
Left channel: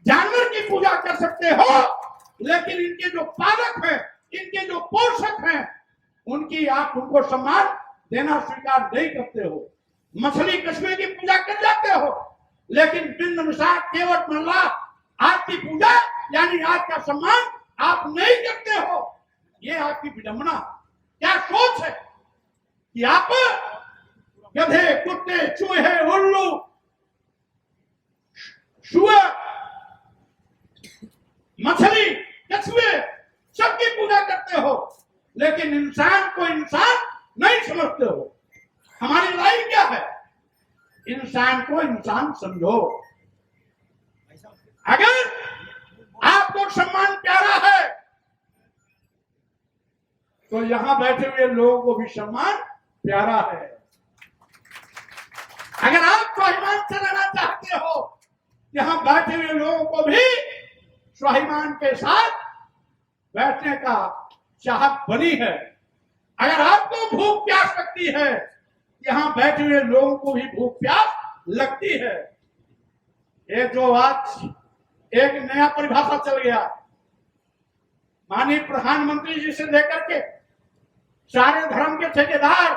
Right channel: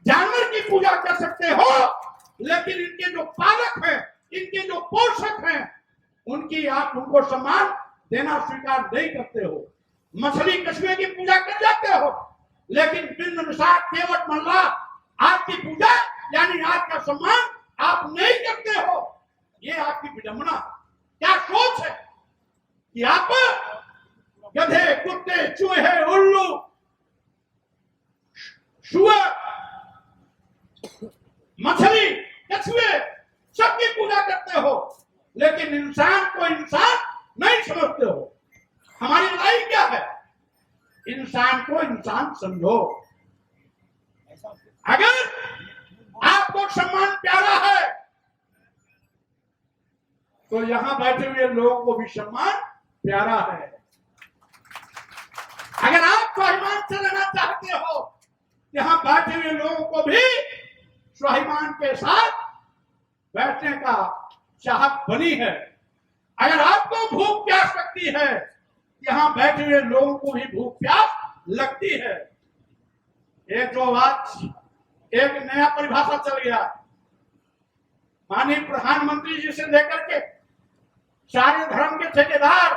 जानवर की पूजा कर सकते हो, लेकिन इनके जो पालक हैं, इनके जो पोषक हैं, उनकी आप उनको सम्मान देना स्वीकार नहीं करते हो। मछली कछुए की पूजा कर जाते हो, लेकिन बिंद निषाद केवट मल्ला आपकी पूजा यानी आपका सम्मान आप नहीं करते हो। ये आपकी विडंबना, क्या सोच है कि आप गधे, कुत्ते, चूहे, उल्लू, शुअर, मछली, कछुए सबकी पूजा करते हो, लेकिन इंसान को इंसान नहीं समझते हो। हमारी लड़ाई क्या है? इंसान को इंसान समझो। अगर आपको सम्मान प्यारा है तो यहां बैठे हुए लोगों को भी सम्मान प्यारा है। अगर आप स्वाभिमान से रहना चाहते हो, यहां बैठे हुए लोगों को भी स्वाभिमान के साथ बैठने का चाहत बनी है। अगर आपको भूख प्यास लगती है, यहां बैठे हुए लोगों को भी भूख प्यास लगती है। ये जो आज एक नया परिभाषा चल गया, माननीय प्रधानमंत्री जी से लेकर के सारे धर्म के ठेकेदार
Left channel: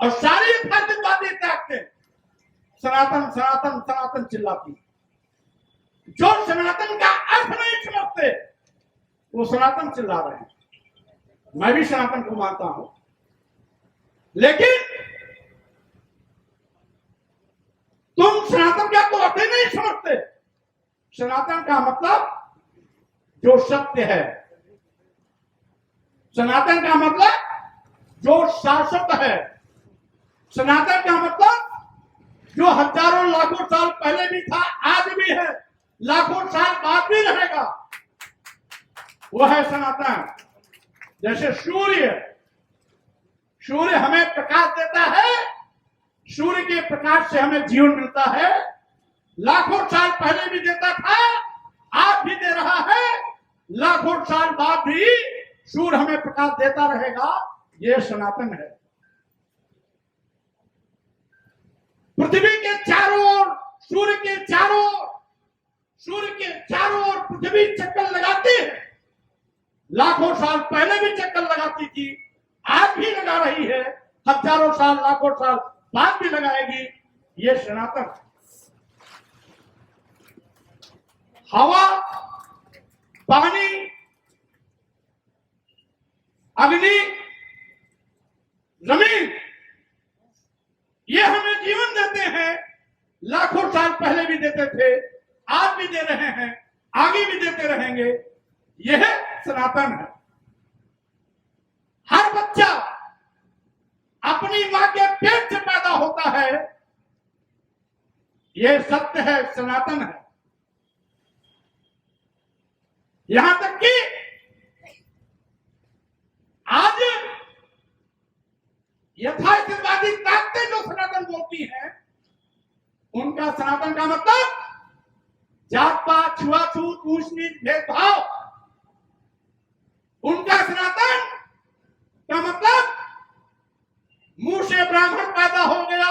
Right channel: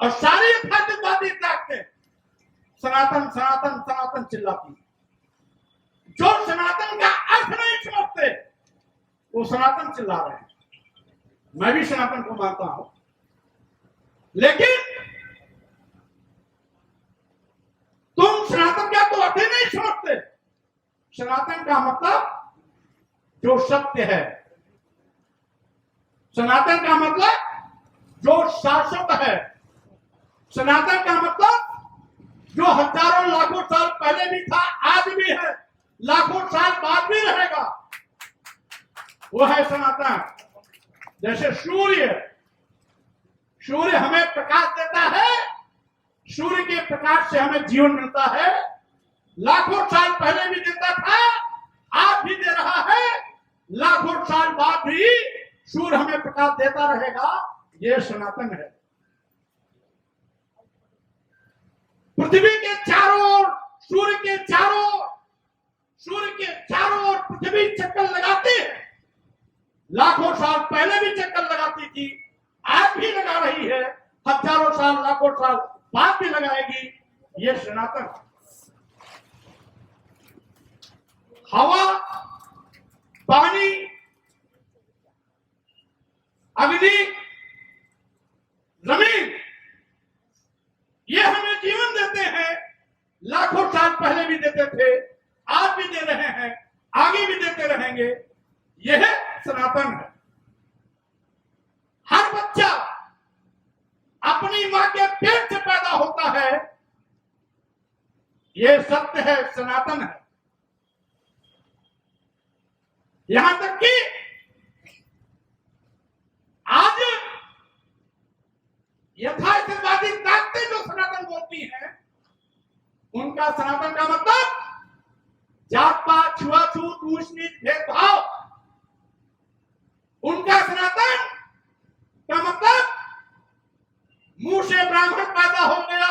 और सारी यथार्थवादी ताकतें सनातन सनातन सनातन चिल्लाती। जो सनातन का अर्थ नहीं समझते वो सनातन चिल्ला रहे हैं। मैं भी सनातन को मानता हूं, लेकिन तुम सनातन का तो अर्थ ही नहीं समझते। सनातन का मतलब जो सत्य है, सनातन का मतलब जो शाश्वत है, सनातन का मतलब जो हजारों लाखों साल पहले भी था, आज भी है, लाखों साल बाद भी रहेगा, वो है सनातन। जैसे सूर्य हमें प्रकाश देता है, सूर्य के प्रकाश से हमें जीवन मिलता है। लाखों साल पहले भी देता था, आज भी दे रहा है, लाखों साल बाद भी सूर्य हमें प्रकाश देता रहेगा। ये सनातन है। पृथ्वी के चारों ओर, सूर्य के चारों ओर पृथ्वी चक्कर लगाती है। लाखों साल पहले भी चक्कर लगाती थी, आज भी लगा रही है, हजारों साल लाखों साल बाद भी लगाएगी। ये सनातन। हवा, पानी, अग्नि, जमीन, ये हमें जीवन देते हैं। लाखों साल पहले भी देते थे, आज भी दे रहे हैं, आगे भी देते रहेंगे। यह सनातन है। हर बच्चा अपनी मां के पेट से पैदा होता है, यह सत्य है, सनातन है। यहां तक कि आज यथार्थवादी ताकतें जो सनातन बोलती हैं, उनका सनातन का मतलब जात पात, छुआछूत, ऊंच नीच, भेदभाव। उनका सनातन का मतलब मुंह से ब्राह्मण पैदा हो गया,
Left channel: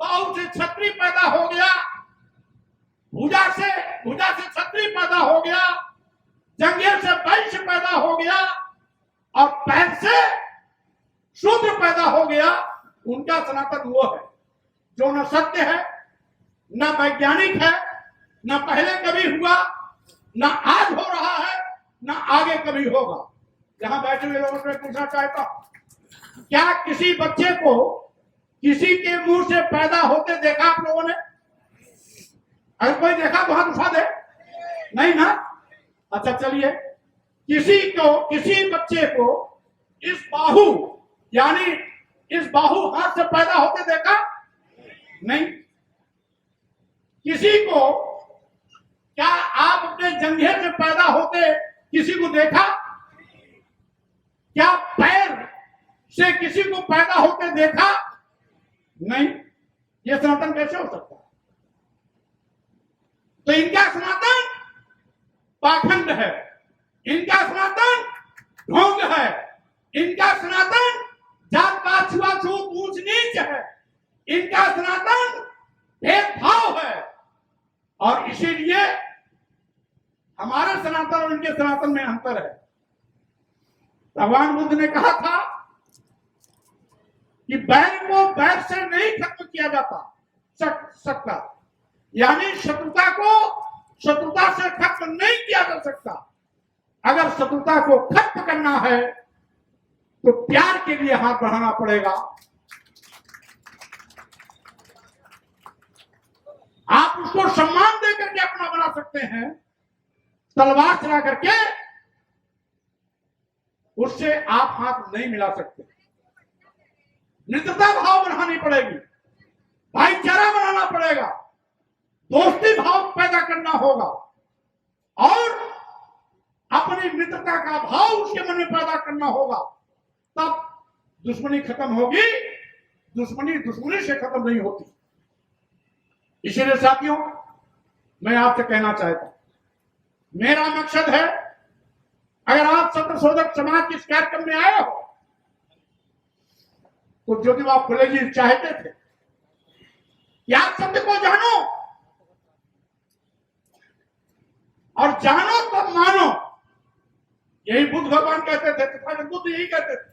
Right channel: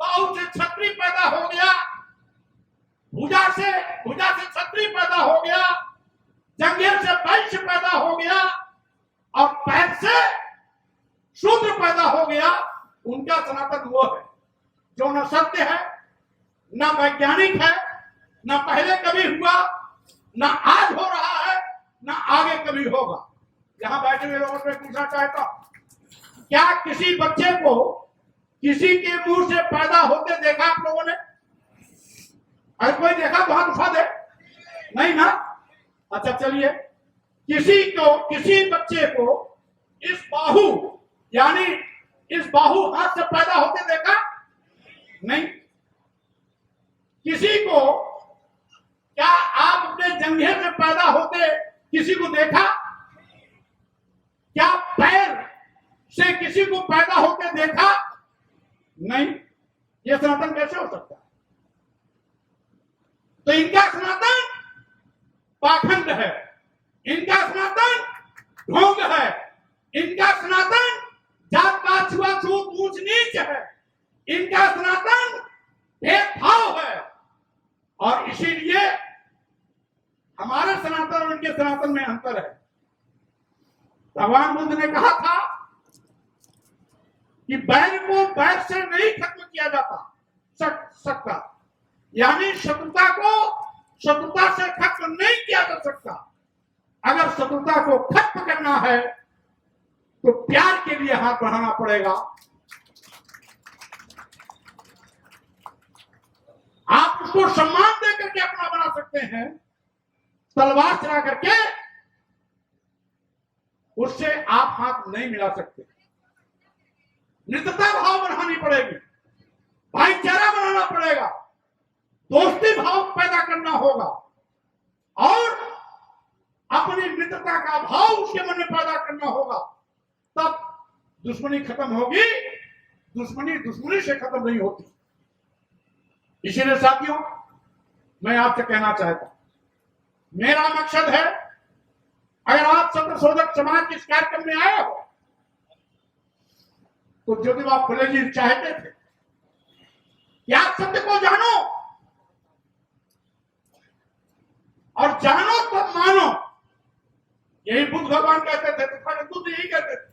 बाहु से क्षत्रिय पैदा हो गया, भुजा से क्षत्रिय पैदा हो गया, जंघे से वैश्य पैदा हो गया और पैर से शूद्र पैदा हो गया। उनका सनातन वो है जो न सत्य है, न वैज्ञानिक है, न पहले कभी हुआ, न आज हो रहा है, न आगे कभी होगा। यहां बैठे हुए लोगों से पूछना चाहता हूं, क्या किसी बच्चे को किसी के मुंह से पैदा होते देखा आप लोगों ने? अगर कोई देखा तो हाथ उठा दे। नहीं ना? अच्छा चलिए, किसी बच्चे को इस बाहु यानी इस बाहु हाथ से पैदा होते देखा? नहीं। किसी को, क्या आप अपने जंघे से पैदा होते किसी को देखा? क्या पैर से किसी को पैदा होते देखा? नहीं। ये सनातन कैसे हो सकता है? तो इनका सनातन पाखंड है, इनका सनातन ढोंग है, इनका सनातन जात पात छुआछूत ऊंच नीच है, इनका सनातन भेदभाव है। और इसीलिए हमारे सनातन और इनके सनातन में अंतर है। भगवान बुद्ध ने कहा था कि बैर को बैर से नहीं खत्म किया जाता सकता, यानी शत्रुता को शत्रुता से खत्म नहीं किया जा सकता। अगर शत्रुता को खत्म करना है तो प्यार के लिए हाथ बढ़ाना पड़ेगा। आप उसको सम्मान देकर के अपना बना सकते हैं, तलवार चला करके उससे आप हाथ नहीं मिला सकते। मित्रता भाव बढ़ानी पड़ेगी, भाईचारा बनाना पड़ेगा, दोस्ती भाव पैदा करना होगा और अपनी मित्रता का भाव उसके मन में पैदा करना होगा। तब दुश्मनी खत्म होगी। दुश्मनी दुश्मनी से खत्म नहीं होती। इसीलिए साथियों, मैं आपसे कहना चाहता हूं, मेरा मकसद है, अगर आप सत्यशोधक समाज के इस कार्यक्रम में आए हो तो ज्योतिबा फुले जी चाहते थे कि आप सत्य को जानो और जानो तब मानो। यही बुद्ध भगवान कहते थे, तथागत बुद्ध यही कहते थे।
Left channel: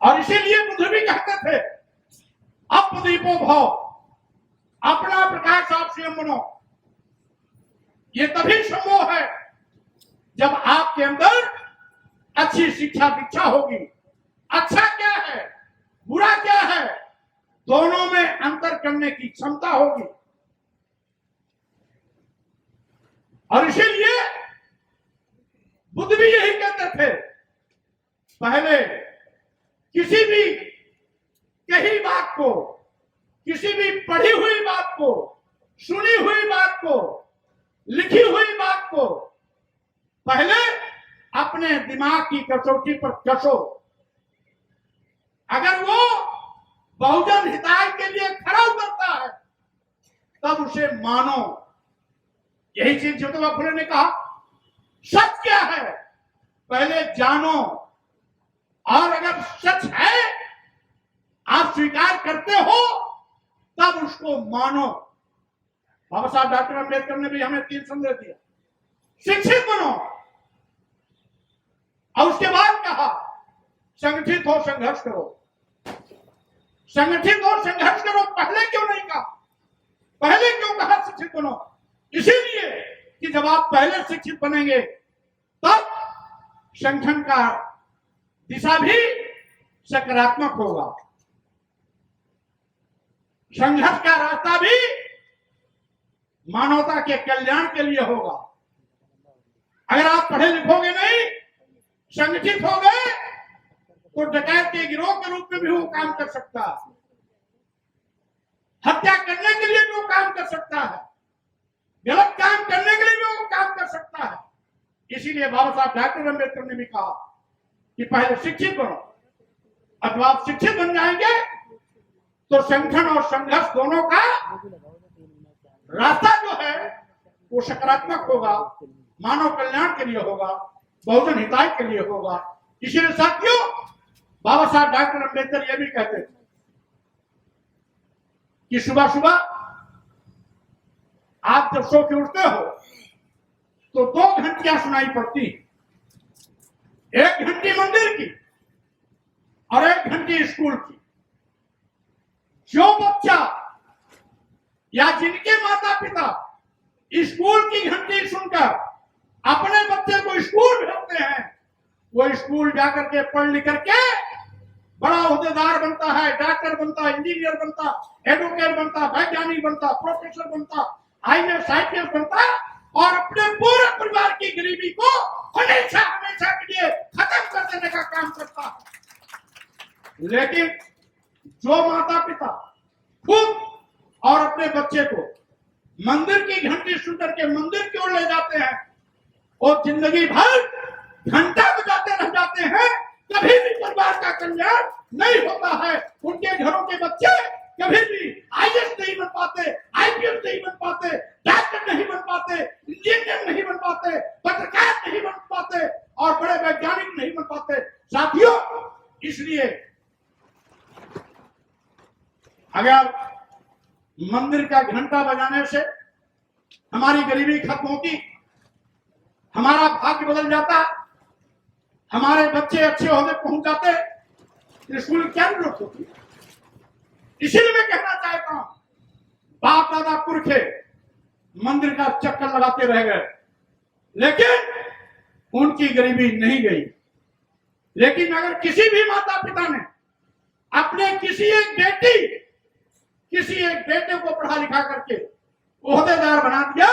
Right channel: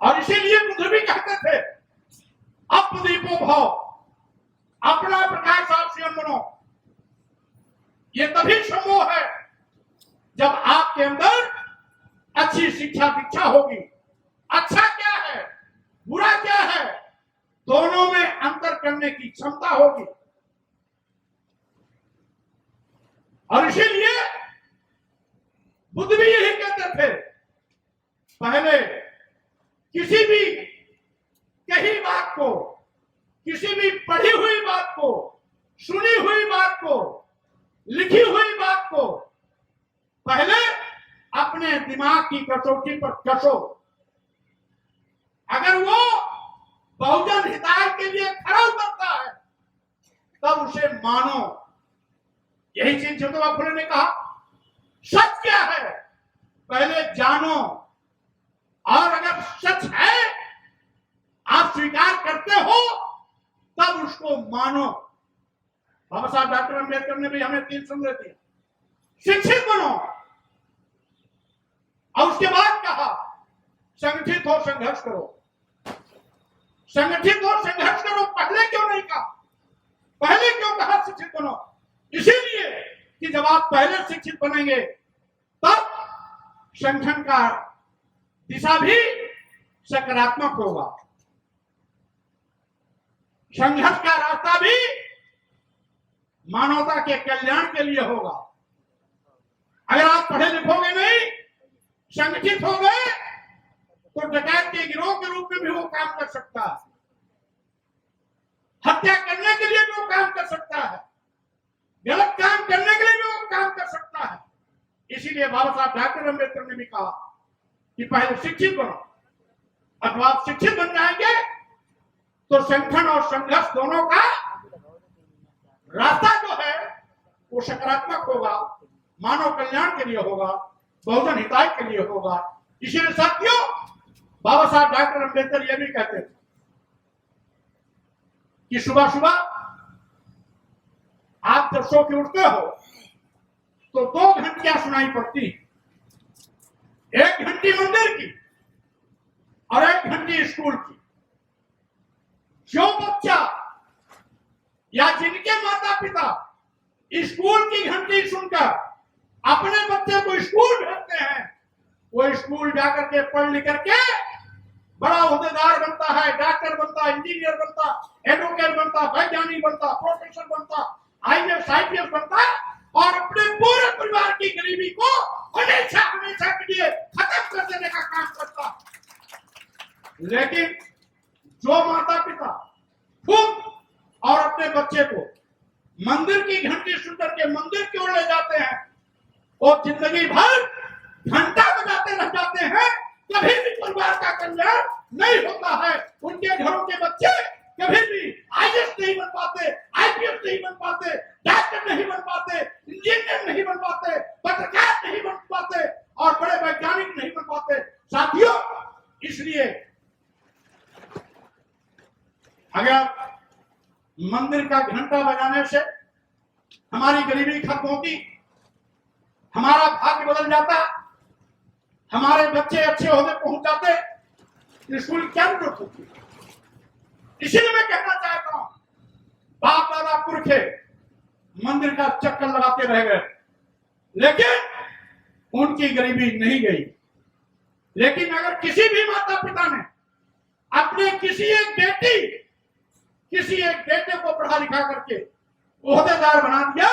और इसीलिए बुद्ध भी कहते थे, अपदीपो भाव, अपना प्रकाश आप स्वयं बनो। ये तभी संभव है जब आपके अंदर अच्छी शिक्षा दीक्षा होगी। अच्छा क्या है, बुरा क्या है, दोनों में अंतर करने की क्षमता होगी। और इसीलिए बुद्ध भी यही कहते थे, पहले किसी भी कही बात को, किसी भी पढ़ी हुई बात को, सुनी हुई बात को, लिखी हुई बात को पहले अपने दिमाग की कसौटी पर कसो। अगर वो बहुजन हिताय के लिए खड़ा उतरता है तब उसे मानो। यही चीज ज्योतिबा फुले ने कहा, सच क्या है पहले जानो, और अगर सच है आप स्वीकार करते हो तब उसको मानो। बाबा साहब डॉक्टर अम्बेडकर ने भी हमें 3 संदेश दिया। शिक्षित बनो, और उसके बाद कहा संगठित हो, संघर्ष करो। संगठित हो, संघर्ष करो पहले क्यों नहीं कहा? पहले क्यों कहा शिक्षित बनो? इसीलिए कि जब आप पहले शिक्षित बनेंगे तब संगठन का दिशा भी सकारात्मक होगा, संघर्ष का रास्ता भी मानवता के कल्याण के लिए होगा। अगर आप पढ़े लिखोगे नहीं, संगठित हो गए, तो डकैत के गिरोह के रूप में भी वो काम कर सकता है, हत्या करने के लिए भी वो काम कर सकता है, गलत काम करने के लिए भी वो काम कर सकता है। इसीलिए बाबा साहब डॉक्टर अम्बेडकर ने भी कहा कि पहले शिक्षित बनो। अथवा आप शिक्षित बन जाएंगे तो संगठन और संघर्ष दोनों का रास्ता जो है वो सकारात्मक होगा, मानव कल्याण के लिए होगा, बहुजन हिताय के लिए होगा। इसीलिए साथियों, बाबा साहब डॉक्टर अम्बेडकर ये भी कहते थे कि सुबह सुबह आप जब सो के उठते हो तो 2 घंटियां सुनाई पड़ती, 1 घंटी मंदिर की और 1 घंटी स्कूल की। जो बच्चा या जिनके माता पिता स्कूल की घंटी सुनकर अपने बच्चे को स्कूल भेजते हैं, वो स्कूल जाकर के पढ़ लिख करके बड़ा ओहदेदार बनता है, डॉक्टर बनता, इंजीनियर बनता, एडवोकेट बनता, वैज्ञानिक बनता, प्रोफेसर बनता, IAS IPS बनता और अपने पूरे परिवार की गरीबी को हमेशा हमेशा के लिए खत्म कर देने का काम करता है। लेकिन जो माता पिता खुद और अपने बच्चे को मंदिर की घंटी सुन करके मंदिर की ओर ले जाते हैं और जिंदगी भर घंटा बजाते रह जाते हैं, कभी भी परिवार का कल्याण नहीं होता है। उनके घरों के बच्चे कभी भी IAS नहीं बन पाते, IPS नहीं बन पाते, डॉक्टर नहीं बन पाते, इंजीनियर नहीं बन पाते, पत्रकार नहीं बन पाते और बड़े वैज्ञानिक नहीं बन पाते। साथियों, इसलिए अगर मंदिर का घंटा बजाने से हमारी गरीबी खत्म होती, हमारा भाग्य बदल जाता, हमारे बच्चे अच्छे होने पहुंच जाते, स्कूल क्या जरूरत होती। इसीलिए मैं कहना चाहता हूं, बाप दादा पुरखे मंदिर का चक्कर लगाते रह गए, लेकिन उनकी गरीबी नहीं गई। लेकिन अगर किसी भी माता पिता ने अपने किसी एक बेटे को पढ़ा लिखा करके ओहदेदार बना दिया,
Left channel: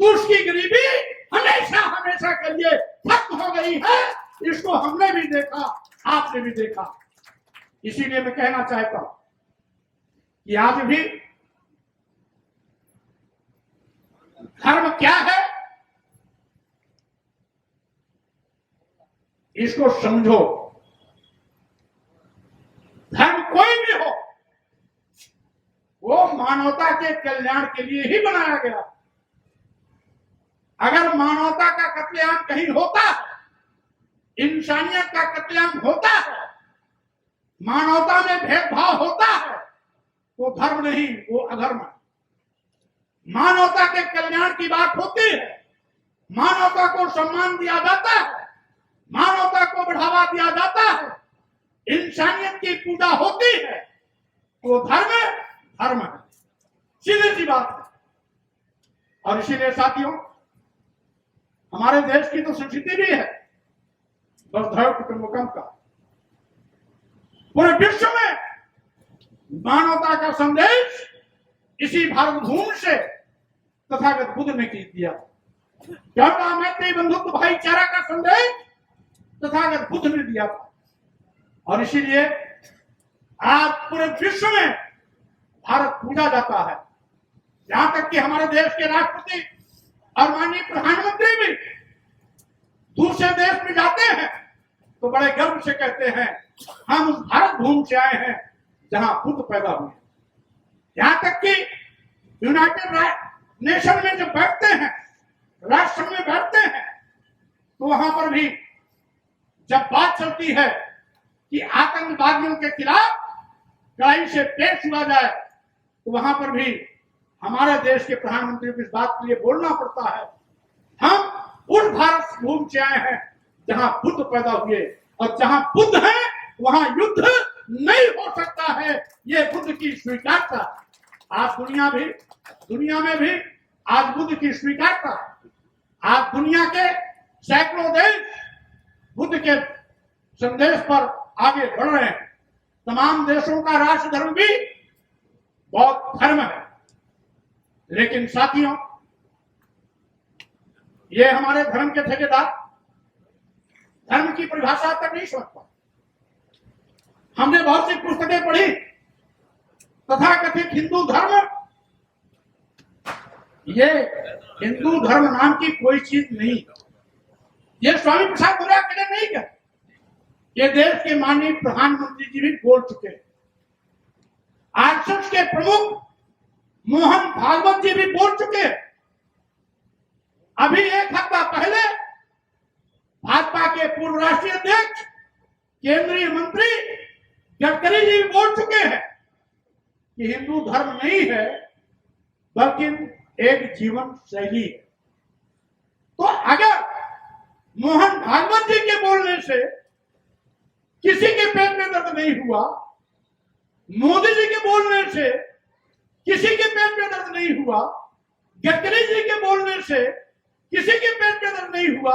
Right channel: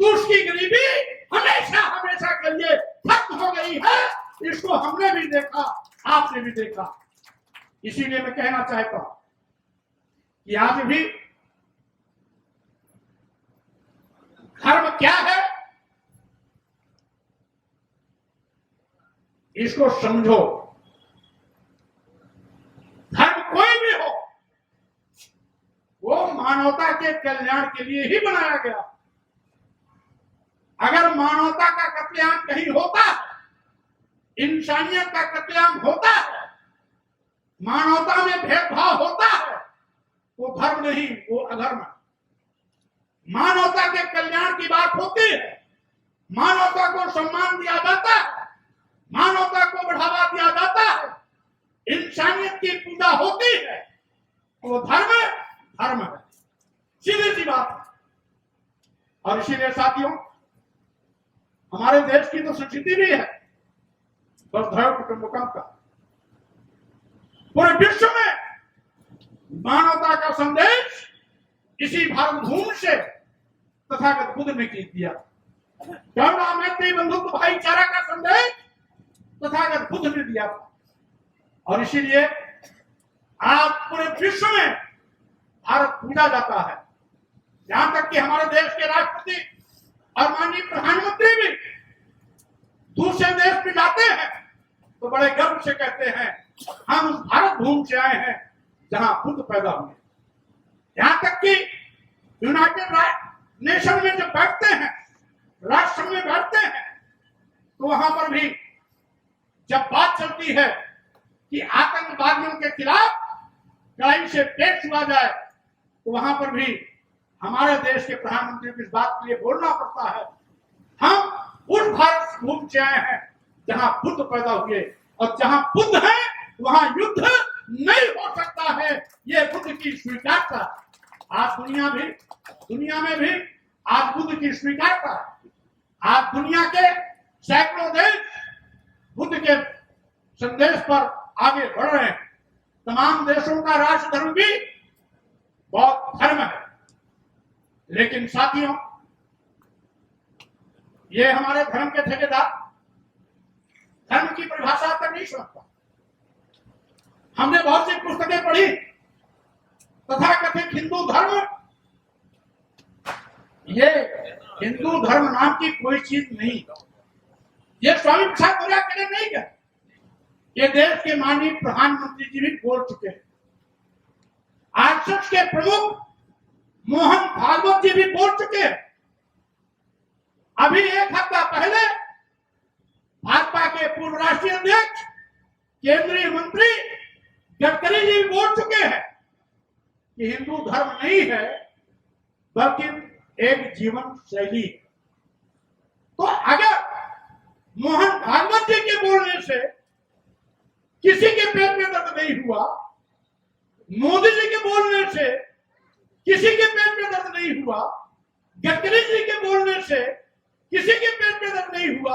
तो उसकी गरीबी हमेशा हमेशा के लिए खत्म हो गई है। इसको हमने भी देखा, आपने भी देखा। इसीलिए मैं कहना चाहता हूं कि आज भी धर्म क्या है, इसको समझो। धर्म कोई भी हो, वो मानवता के कल्याण के लिए ही बनाया गया। अगर मानवता का कत्लेआम कहीं होता है, इंसानियत का कत्लेआम होता है, मानवता में भेदभाव होता है, वो धर्म नहीं, वो अधर्म है। मानवता के कल्याण की बात होती है, मानवता को सम्मान दिया जाता है, मानवता को बढ़ावा दिया जाता है, इंसानियत की पूजा होती है, वो धर्म है, सीधी सी बात है। और इसीलिए साथियों, हमारे देश की तो संस्कृति भी है वसुधैव कुटुंबकम का। पूरे विश्व में मानवता का संदेश इसी भारत भूमि से तथागत बुद्ध ने दिया। करुणा, मैत्री, बंधुत्व, भाईचारा का संदेश तथागत बुद्ध ने दिया था। और इसीलिए आज पूरे विश्व में भारत पूजा जाता है। यहां तक कि हमारे देश के राष्ट्रपति और माननीय प्रधानमंत्री भी दूसरे देश में जाते हैं तो बड़े गर्व से कहते हैं, हम उस भारत भूमि से आए हैं जहां बुद्ध पैदा हुए। यहां तक कि यूनाइटेड नेशन में जब बैठते हैं, राष्ट्र में बैठते हैं, तो वहां पर भी जब बात चलती है कि आतंकवादियों के खिलाफ कड़ाई से पेश हुआ जाए, तो वहां पर भी हमारे देश के प्रधानमंत्री को इस बात के लिए बोलना पड़ता है, हम उस भारत भूमि से आए हैं जहां बुद्ध पैदा हुए, और जहां बुद्ध है वहां युद्ध नहीं हो सकता है। ये बुद्ध की स्वीकारता। आज दुनिया में भी आज बुद्ध की स्वीकारता है। आज दुनिया के सैकड़ों देश बुद्ध के संदेश पर आगे बढ़ रहे हैं। तमाम देशों का राष्ट्र धर्म भी बौद्ध धर्म है। लेकिन साथियों, ये हमारे धर्म के ठेकेदार धर्म की परिभाषा तक नहीं समझ पाते। हमने बहुत सी पुस्तकें पढ़ी, तथाकथित हिंदू धर्म, ये हिंदू धर्म नाम की कोई चीज नहीं। ये स्वामी प्रसाद मौर्य अकेले नहीं गए, ये देश के माननीय प्रधानमंत्री जी भी बोल चुके हैं। आरएसएस के प्रमुख मोहन भागवत जी भी बोल चुके हैं। अभी एक हफ्ता पहले भाजपा के पूर्व राष्ट्रीय अध्यक्ष केंद्रीय मंत्री गडकरी जी भी बोल चुके हैं कि हिंदू धर्म नहीं है बल्कि एक जीवन शैली है। तो अगर मोहन भागवत जी के बोलने से किसी के पेट में दर्द नहीं हुआ, मोदी जी के बोलने से किसी के पेट में दर्द नहीं हुआ, गडकरी जी के बोलने से किसी के पेट में दर्द नहीं हुआ,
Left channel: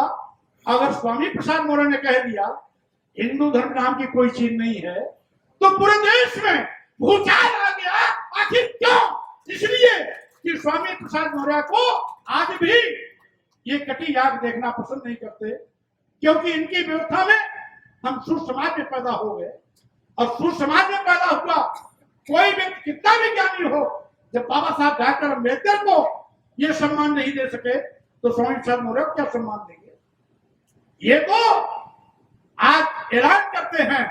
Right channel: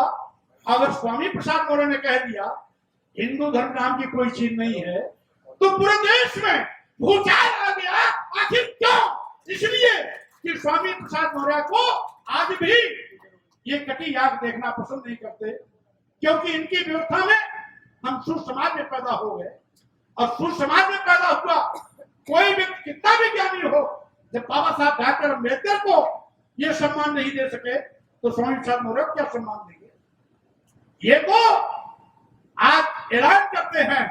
अगर स्वामी प्रसाद मौर्य ने कह दिया हिंदू धर्म नाम की कोई चीज नहीं है तो पूरे देश में भूचाल आ गया। आखिर क्यों? इसलिए कि स्वामी प्रसाद मौर्य को आज भी ये कटी याग देखना पसंद नहीं करते, क्योंकि इनकी व्यवस्था में हम सुसमाज में पैदा हो गए, और सुसमाज में पैदा हुआ कोई व्यक्ति कितना भी ज्ञानी हो, जब बाबा साहब डॉक्टर अम्बेडकर को ये सम्मान नहीं दे सके तो स्वामी प्रसाद मौर्य को क्या सम्मान देंगे? ये तो आज ऐलान करते हैं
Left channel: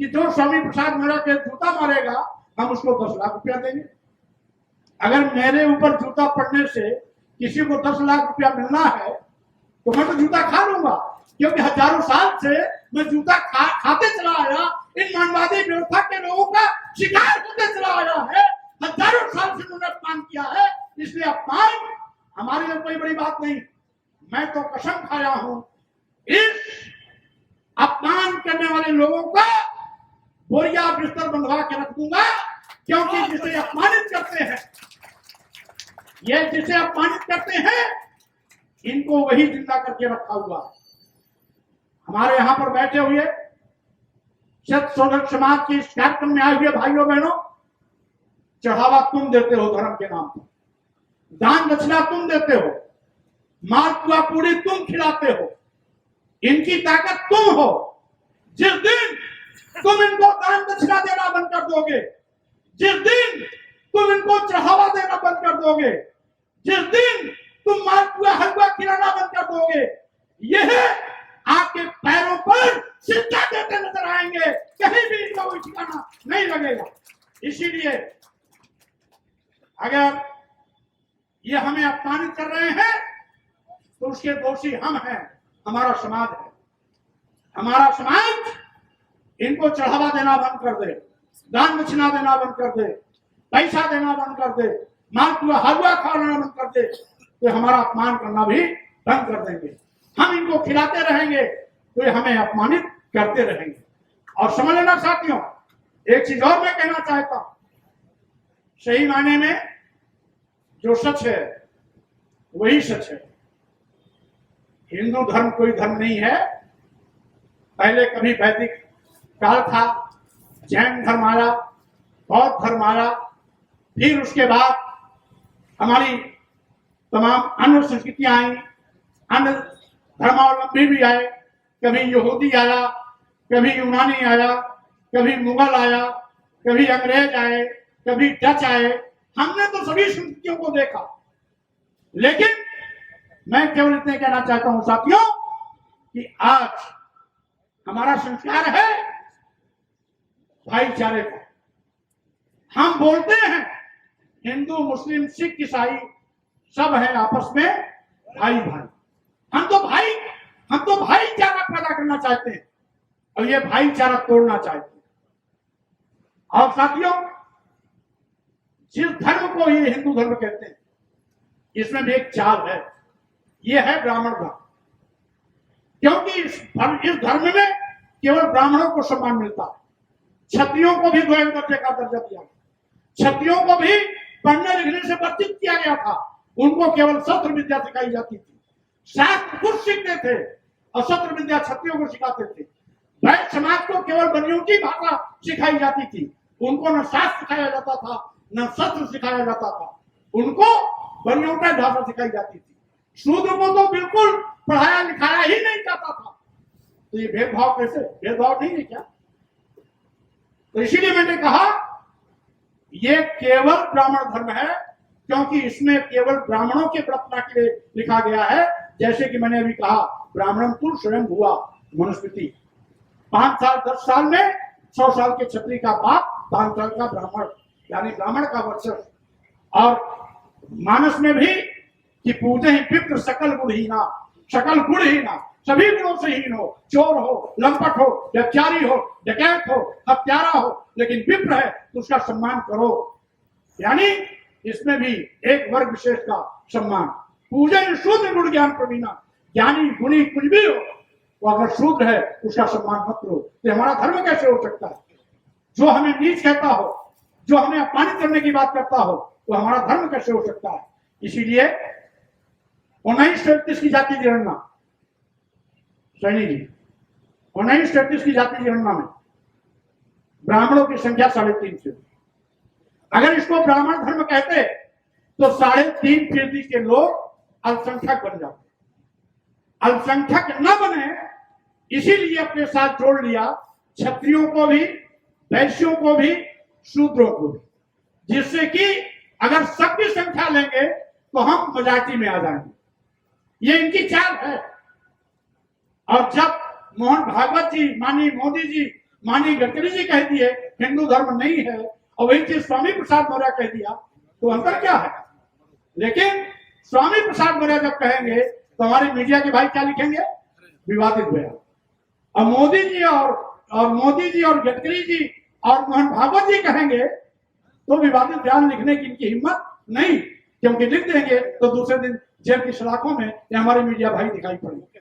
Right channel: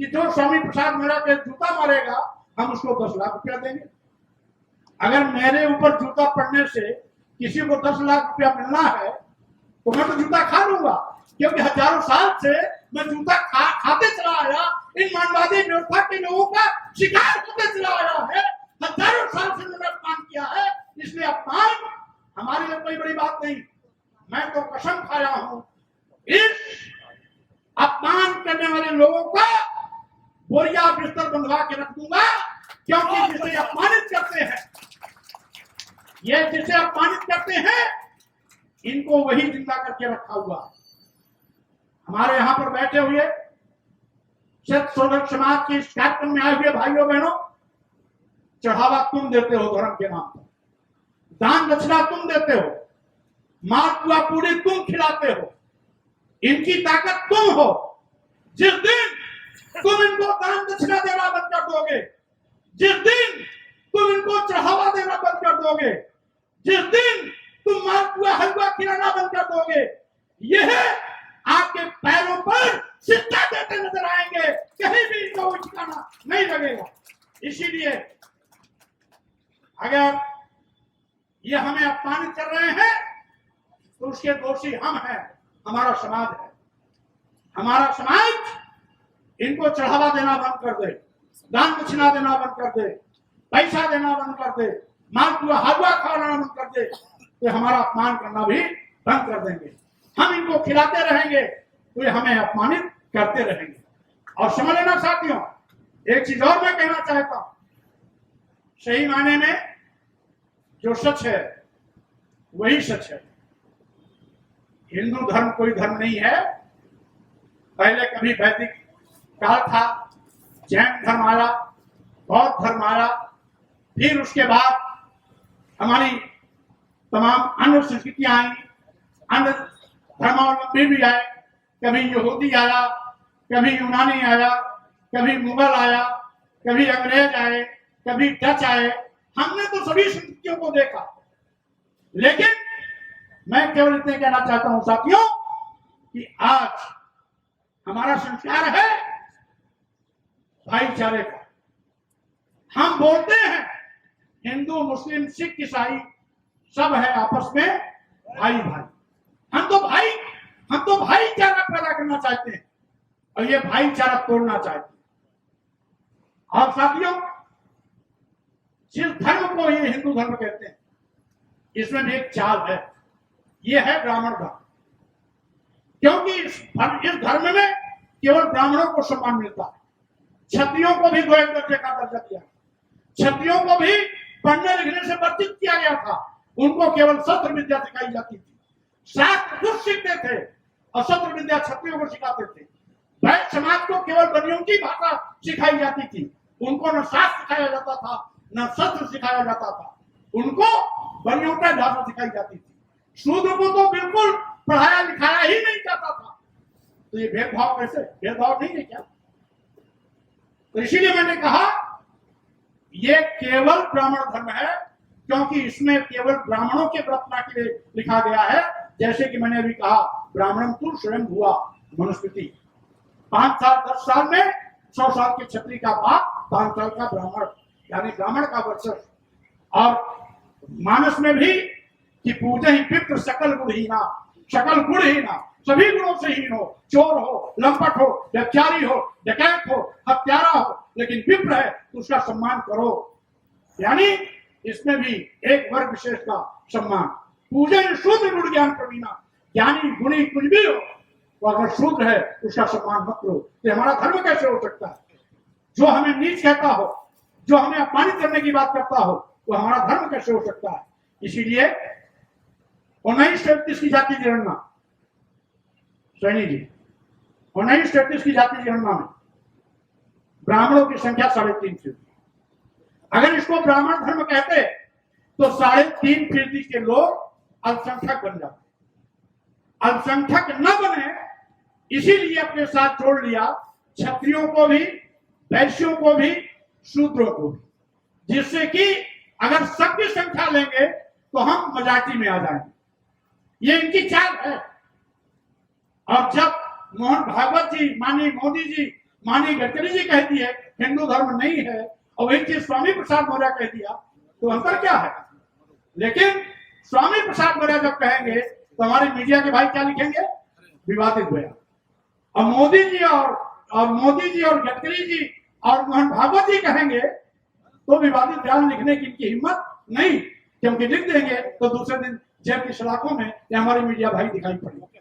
कि जो स्वामी प्रसाद मौर्य के जूता मारेगा हम उसको 10 लाख रुपया देंगे। अगर मेरे ऊपर जूता पड़ने से किसी को 10 लाख रुपया मिलना है तो मैं तो जूता खा लूंगा, क्योंकि हजारों साल से मैं जूता खाते चला आया, इन मानवादी व्यवस्था के लोगों का शिकार होते चला आया है। हजारों साल से मैंने अपमान किया है, इसलिए अपमान हमारे लिए कोई बड़ी बात नहीं। मैं तो कसम खाया हूं इस अपमान करने वाले लोगों का बोरिया बिस्तर बंधवा के रख दूंगा, क्योंकि जिसे अपमानित करते हैं, ये जिसे अपमानित करते हैं, इनको वही जिंदा करके रखा हुआ। हमारे यहाँ पर बैठे हुए शोधक समाज की इस कार्यक्रम में आए हुए भाइयों बहनों, चढ़ावा तुम देते हो धर्म के नाम पर, दान दक्षिणा तुम देते हो, मालपुआ पूरी तुम खिलाते हो, इनकी ताकत तुम हो। जिस दिन तुम इनको दान दक्षिणा देना बंद कर दोगे, जिस दिन तुम इनको चढ़ावा देना बंद कर दोगे, जिस दिन तुम मालपुआ हलवा खिलाना बंद कर दोगे, यह आपके पैरों पर सिक्का देते नजर आएंगे, कहीं भी इनका कोई ठिकाना नहीं लगेगा। इसीलिए अगर ये हमें अपमानित कर रहे हैं तो उसके दोषी हम हैं, हमारा समाज है। हमारा समाज इनको चढ़ावा देना बंद कर दे, दान दक्षिणा देना बंद कर दे, पैसा देना बंद कर दे, मालपुआ हलवा खाना बंद कर दे, तो हमारा अपमान करना भी बंद कर देंगे। हम इनको खिलाते रहेंगे तो ये हमें अपमानित करते रहेंगे। और समझ लेना साथियों, एक चीज और मैं कहना चाहता हूं, सही मायने में जो सच है वही सच है। हिंदू धर्म कोई धर्म नहीं है। पहले कभी वैदिक काल था, जैन धर्म आया, बौद्ध धर्म आया, फिर उसके बाद हमारी तमाम अन्य संस्कृतियां आई, अन्य धर्मावलंबी भी आए, कभी यहूदी आया, कभी यूनानी आया, कभी मुगल आया, कभी अंग्रेज आए, कभी डच आए। हमने तो सभी संस्कृतियों को देखा, लेकिन मैं केवल इतने कहना चाहता हूं साथियों कि आज हमारा संस्कार है भाईचारे का। हम बोलते हैं हिंदू मुस्लिम सिख ईसाई सब है आपस में भाई भाई। हम तो भाईचारा पैदा करना चाहते हैं और ये भाईचारा तोड़ना चाहते हैं। और साथियों, जिस धर्म को ये हिंदू धर्म कहते हैं, इसमें भी एक चाल है, ये है ब्राह्मण धर्म। क्योंकि इस धर्म में केवल ब्राह्मणों को सम्मान मिलता है, क्षत्रियों को भी द्वैत दर्जे का दर्जा दिया, क्षत्रियों को भी पढ़ने लिखने से वंचित किया गया था, उनको केवल शस्त्र विद्या सिखाई जाती थी। शास्त्र खुद सीखते थे और शस्त्र विद्या क्षत्रियों को सिखाते थे। वैश्य समाज को केवल बनियों की भाषा सिखाई जाती थी, उनको न शास्त्र सिखाया जाता था न शस्त्र सिखाया जाता था, उनको बनियों का भाषा सिखाई जाती थी। शूद्र को तो बिल्कुल पढ़ाया लिखाया ही नहीं जाता था। तो ये भेदभाव कैसे? भेदभाव नहीं है क्या? तो इसीलिए मैंने कहा ये केवल ब्राह्मण धर्म है, क्योंकि इसमें केवल ब्राह्मणों के प्रार्थना के लिए लिखा गया है। जैसे कि मैंने अभी कहा, ब्राह्मण तु स्वयं हुआ मनुस्मृति। 5 साल 10 साल में 100 साल के क्षत्रिय का बाप, 5 साल का ब्राह्मण, यानी ब्राह्मण का वर्चस्व। और मानस में भी कि पूजे ही पितृ सकल गुणहीना, सकल गुणहीना, सभी गुणों से हीन हो, चोर हो, लंपट हो, व्यभिचारी हो, डकैत हो, हत्यारा हो, लेकिन विप्र है तो उसका सम्मान करो। यानी इसमें भी एक वर्ग विशेष का सम्मान। पूजन शूद्र गुण ज्ञान प्रवीणा, ज्ञानी गुणी कुछ भी हो तो अगर शूद्र है उसका सम्मान मत करो। तो हमारा धर्म कैसे हो सकता है? जो हमें नीच कहता हो, जो हमें अपमानित करने की बात करता हो, तो हमारा धर्म कैसे हो सकता है? इसीलिए 1931 की जाति जनगणना, सैनी जी, 1933 की जाति जनगणना में ब्राह्मणों की संख्या 3.5 थी। अगर इसको ब्राह्मण धर्म कहते तो 3.5% के लोग अल्पसंख्यक बन जाते। अल्पसंख्यक न बने इसीलिए अपने साथ जोड़ लिया क्षत्रियों को भी, वैश्यों को भी, शूद्रों को भी, जिससे कि अगर सबकी संख्या लेंगे तो हम मेजॉरिटी में आ जाएंगे। ये इनकी चाल है। और जब मोहन भागवत जी, माननीय मोदी जी, माननीय गडकरी जी कह दिए हिंदू धर्म नहीं है, और वही चीज स्वामी प्रसाद मौर्य कह दिया, तो अंतर क्या है? लेकिन स्वामी प्रसाद मौर्य जब कहेंगे तो हमारे मीडिया के भाई क्या लिखेंगे? विवादित बयान। और मोदी जी और गडकरी जी और मोहन भागवत जी कहेंगे तो विवादित बयान लिखने की इनकी हिम्मत नहीं, क्योंकि लिख देंगे तो दूसरे दिन जेल की सलाखों में ये हमारे मीडिया भाई दिखाई पड़ेंगे।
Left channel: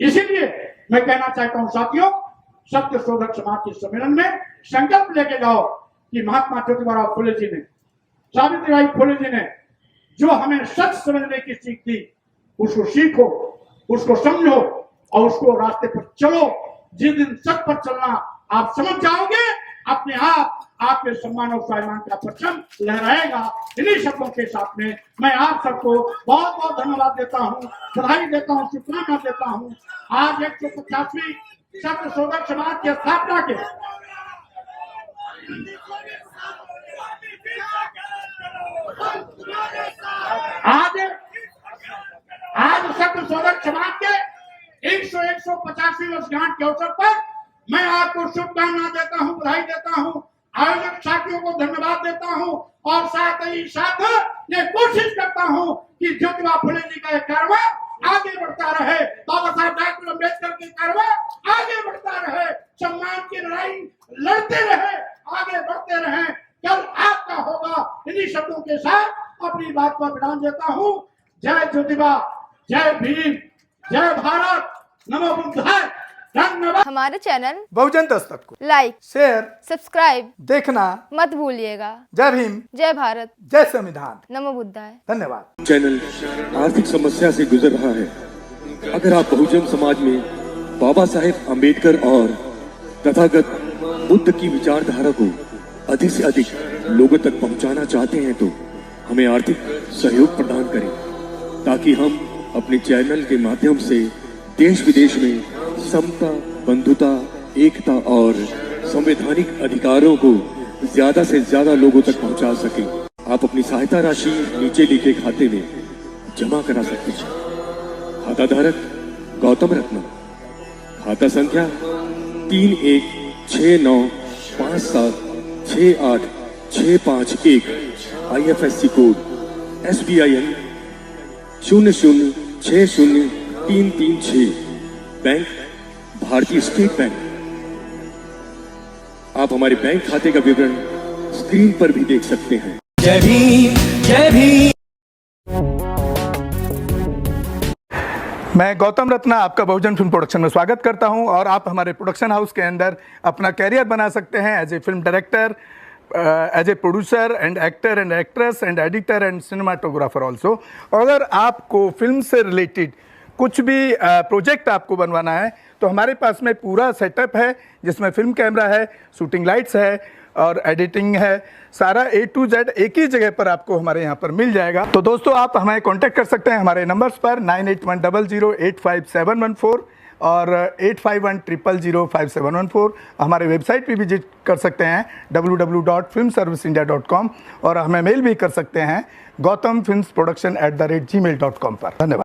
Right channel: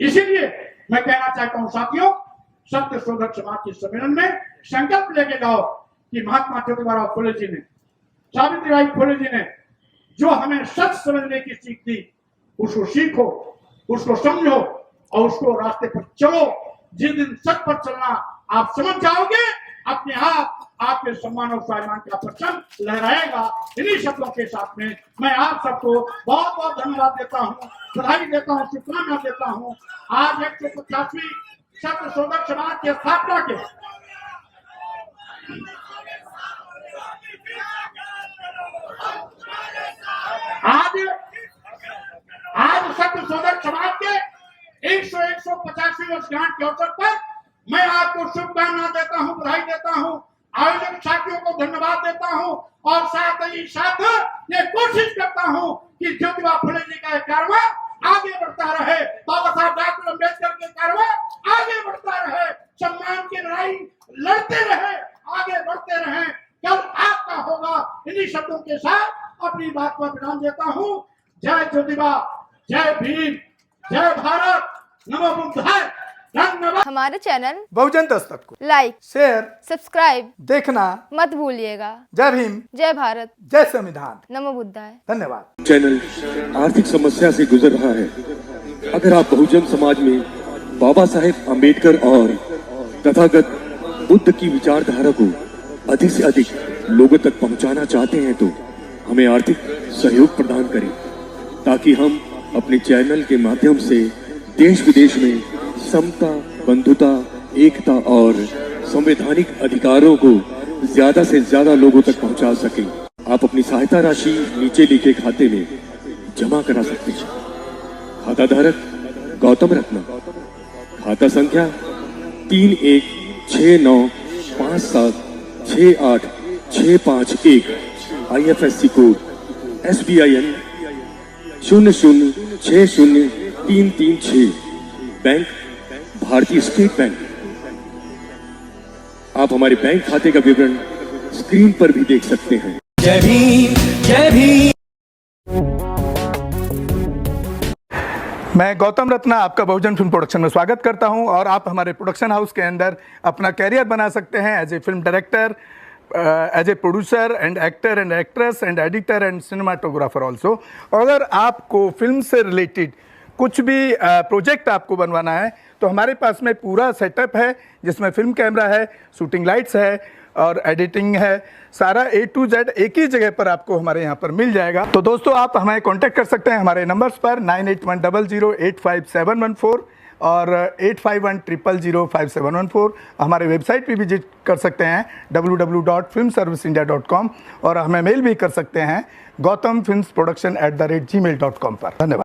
इसीलिए मैं कहना चाहता हूं साथियों, सत्य शोधक समाज के सम्मेलन में संकल्प लेके जाओ कि महात्मा ज्योतिबा फुले जी ने, सावित्रीबाई फुले जी ने जो हमें सच समझने की सीख दी, उसको सीखो, उसको समझो और उसको रास्ते पर चलो। जिस दिन सच पर चलना आप समझ जाओगे, अपने आप आपके सम्मान और स्वाभिमान का परचम लहराएगा। इन्हीं शब्दों के साथ में मैं आप सबको बहुत बहुत धन्यवाद देता हूँ, बधाई देता हूँ, शुभकामना देता हूँ। आज 150वीं सत्य शोधक समाज की स्थापना के आज सत्य शोधक समाज के 150वीं वर्षगांठ के अवसर पर मैं आपको शुभकामना देता हूं, बधाई देता हूं, आयोजक साथियों को धन्यवाद देता हूं और साथ ही साथ ये कोशिश करता हूं कि ज्योतिबा फुले जी का कारवां आगे बढ़ता रहे, बाबा साहब डॉक्टर अम्बेडकर के कारवां आगे बढ़ता रहे, सम्मान की लड़ाई लड़ते रहे, आगे बढ़ते रहे। कल आपका होगा। इन्हीं शब्दों के साथ अपनी बात पर विराम देता हूं। जय ज्योतिबा, जय भीम, जय भारत, नमो बुद्धाय। धन्यवाद। हमारे चैनल बहुजन दस्तक को लाइक, शेयर, सब्सक्राइब देखना मत भूलिएगा। जय भीम, जय भारत, जय संविधान, नमो बुद्धाय। धन्यवाद। चैनल आर्थिक समस्या से गुजर रहा है। अगर आप बहुजन समाज में बाबा साहेब अम्बेडकर और तथागत बुद्ध की विचारधारा को अधिक से अधिक लोगों तक पहुंचाना चाहते हैं तो हमें आर्थिक सहयोग प्रदान करें, ताकि हम अपने चैनल के माध्यम से देश विदेश में समता, बंधुता, एकता और संवैधानिक अधिकारों को ज्यादा से ज्यादा लोगों तक पहुंचा सकें। आप अपनी सहायता राशि नीचे लिखे खाते में जमा करा सकते हैं। खाता धारक गौतम रत्ना, खाता संख्या 3169576865 IFSC कोड SBIN 0060336, बैंक भारतीय स्टेट बैंक। आप हमारे बैंक खाते का विवरण स्क्रीन पर भी देख सकते हैं। जय भीम, जय भीम। मैं गौतम रत्ना आपका बहुजन फिल्म प्रोडक्शन में स्वागत करता हूं और आप हमारे प्रोडक्शन हाउस के अंदर अपना कैरियर बना सकते हैं as a film director, as a producer and actor and actress and editor and cinematographer also. अगर आपको फिल्म से रिलेटेड कुछ भी प्रोजेक्ट आपको बनवाना है तो हमारे पास में पूरा सेटअप है, जिसमें फिल्म कैमरा है, शूटिंग लाइट्स है और एडिटिंग है। सारा A to Z एक ही जगह पर आपको हमारे यहाँ पर मिल जाएगा। तो दोस्तों आप हमें कांटेक्ट कर सकते हैं हमारे नंबर्स पर 9810085714 और 8510005714। हमारे वेबसाइट पे विजिट कर सकते हैं www.filmserviceindia.com और हमें मेल भी कर सकते हैं gautamfilmsproduction@gmail.com पर। धन्यवाद।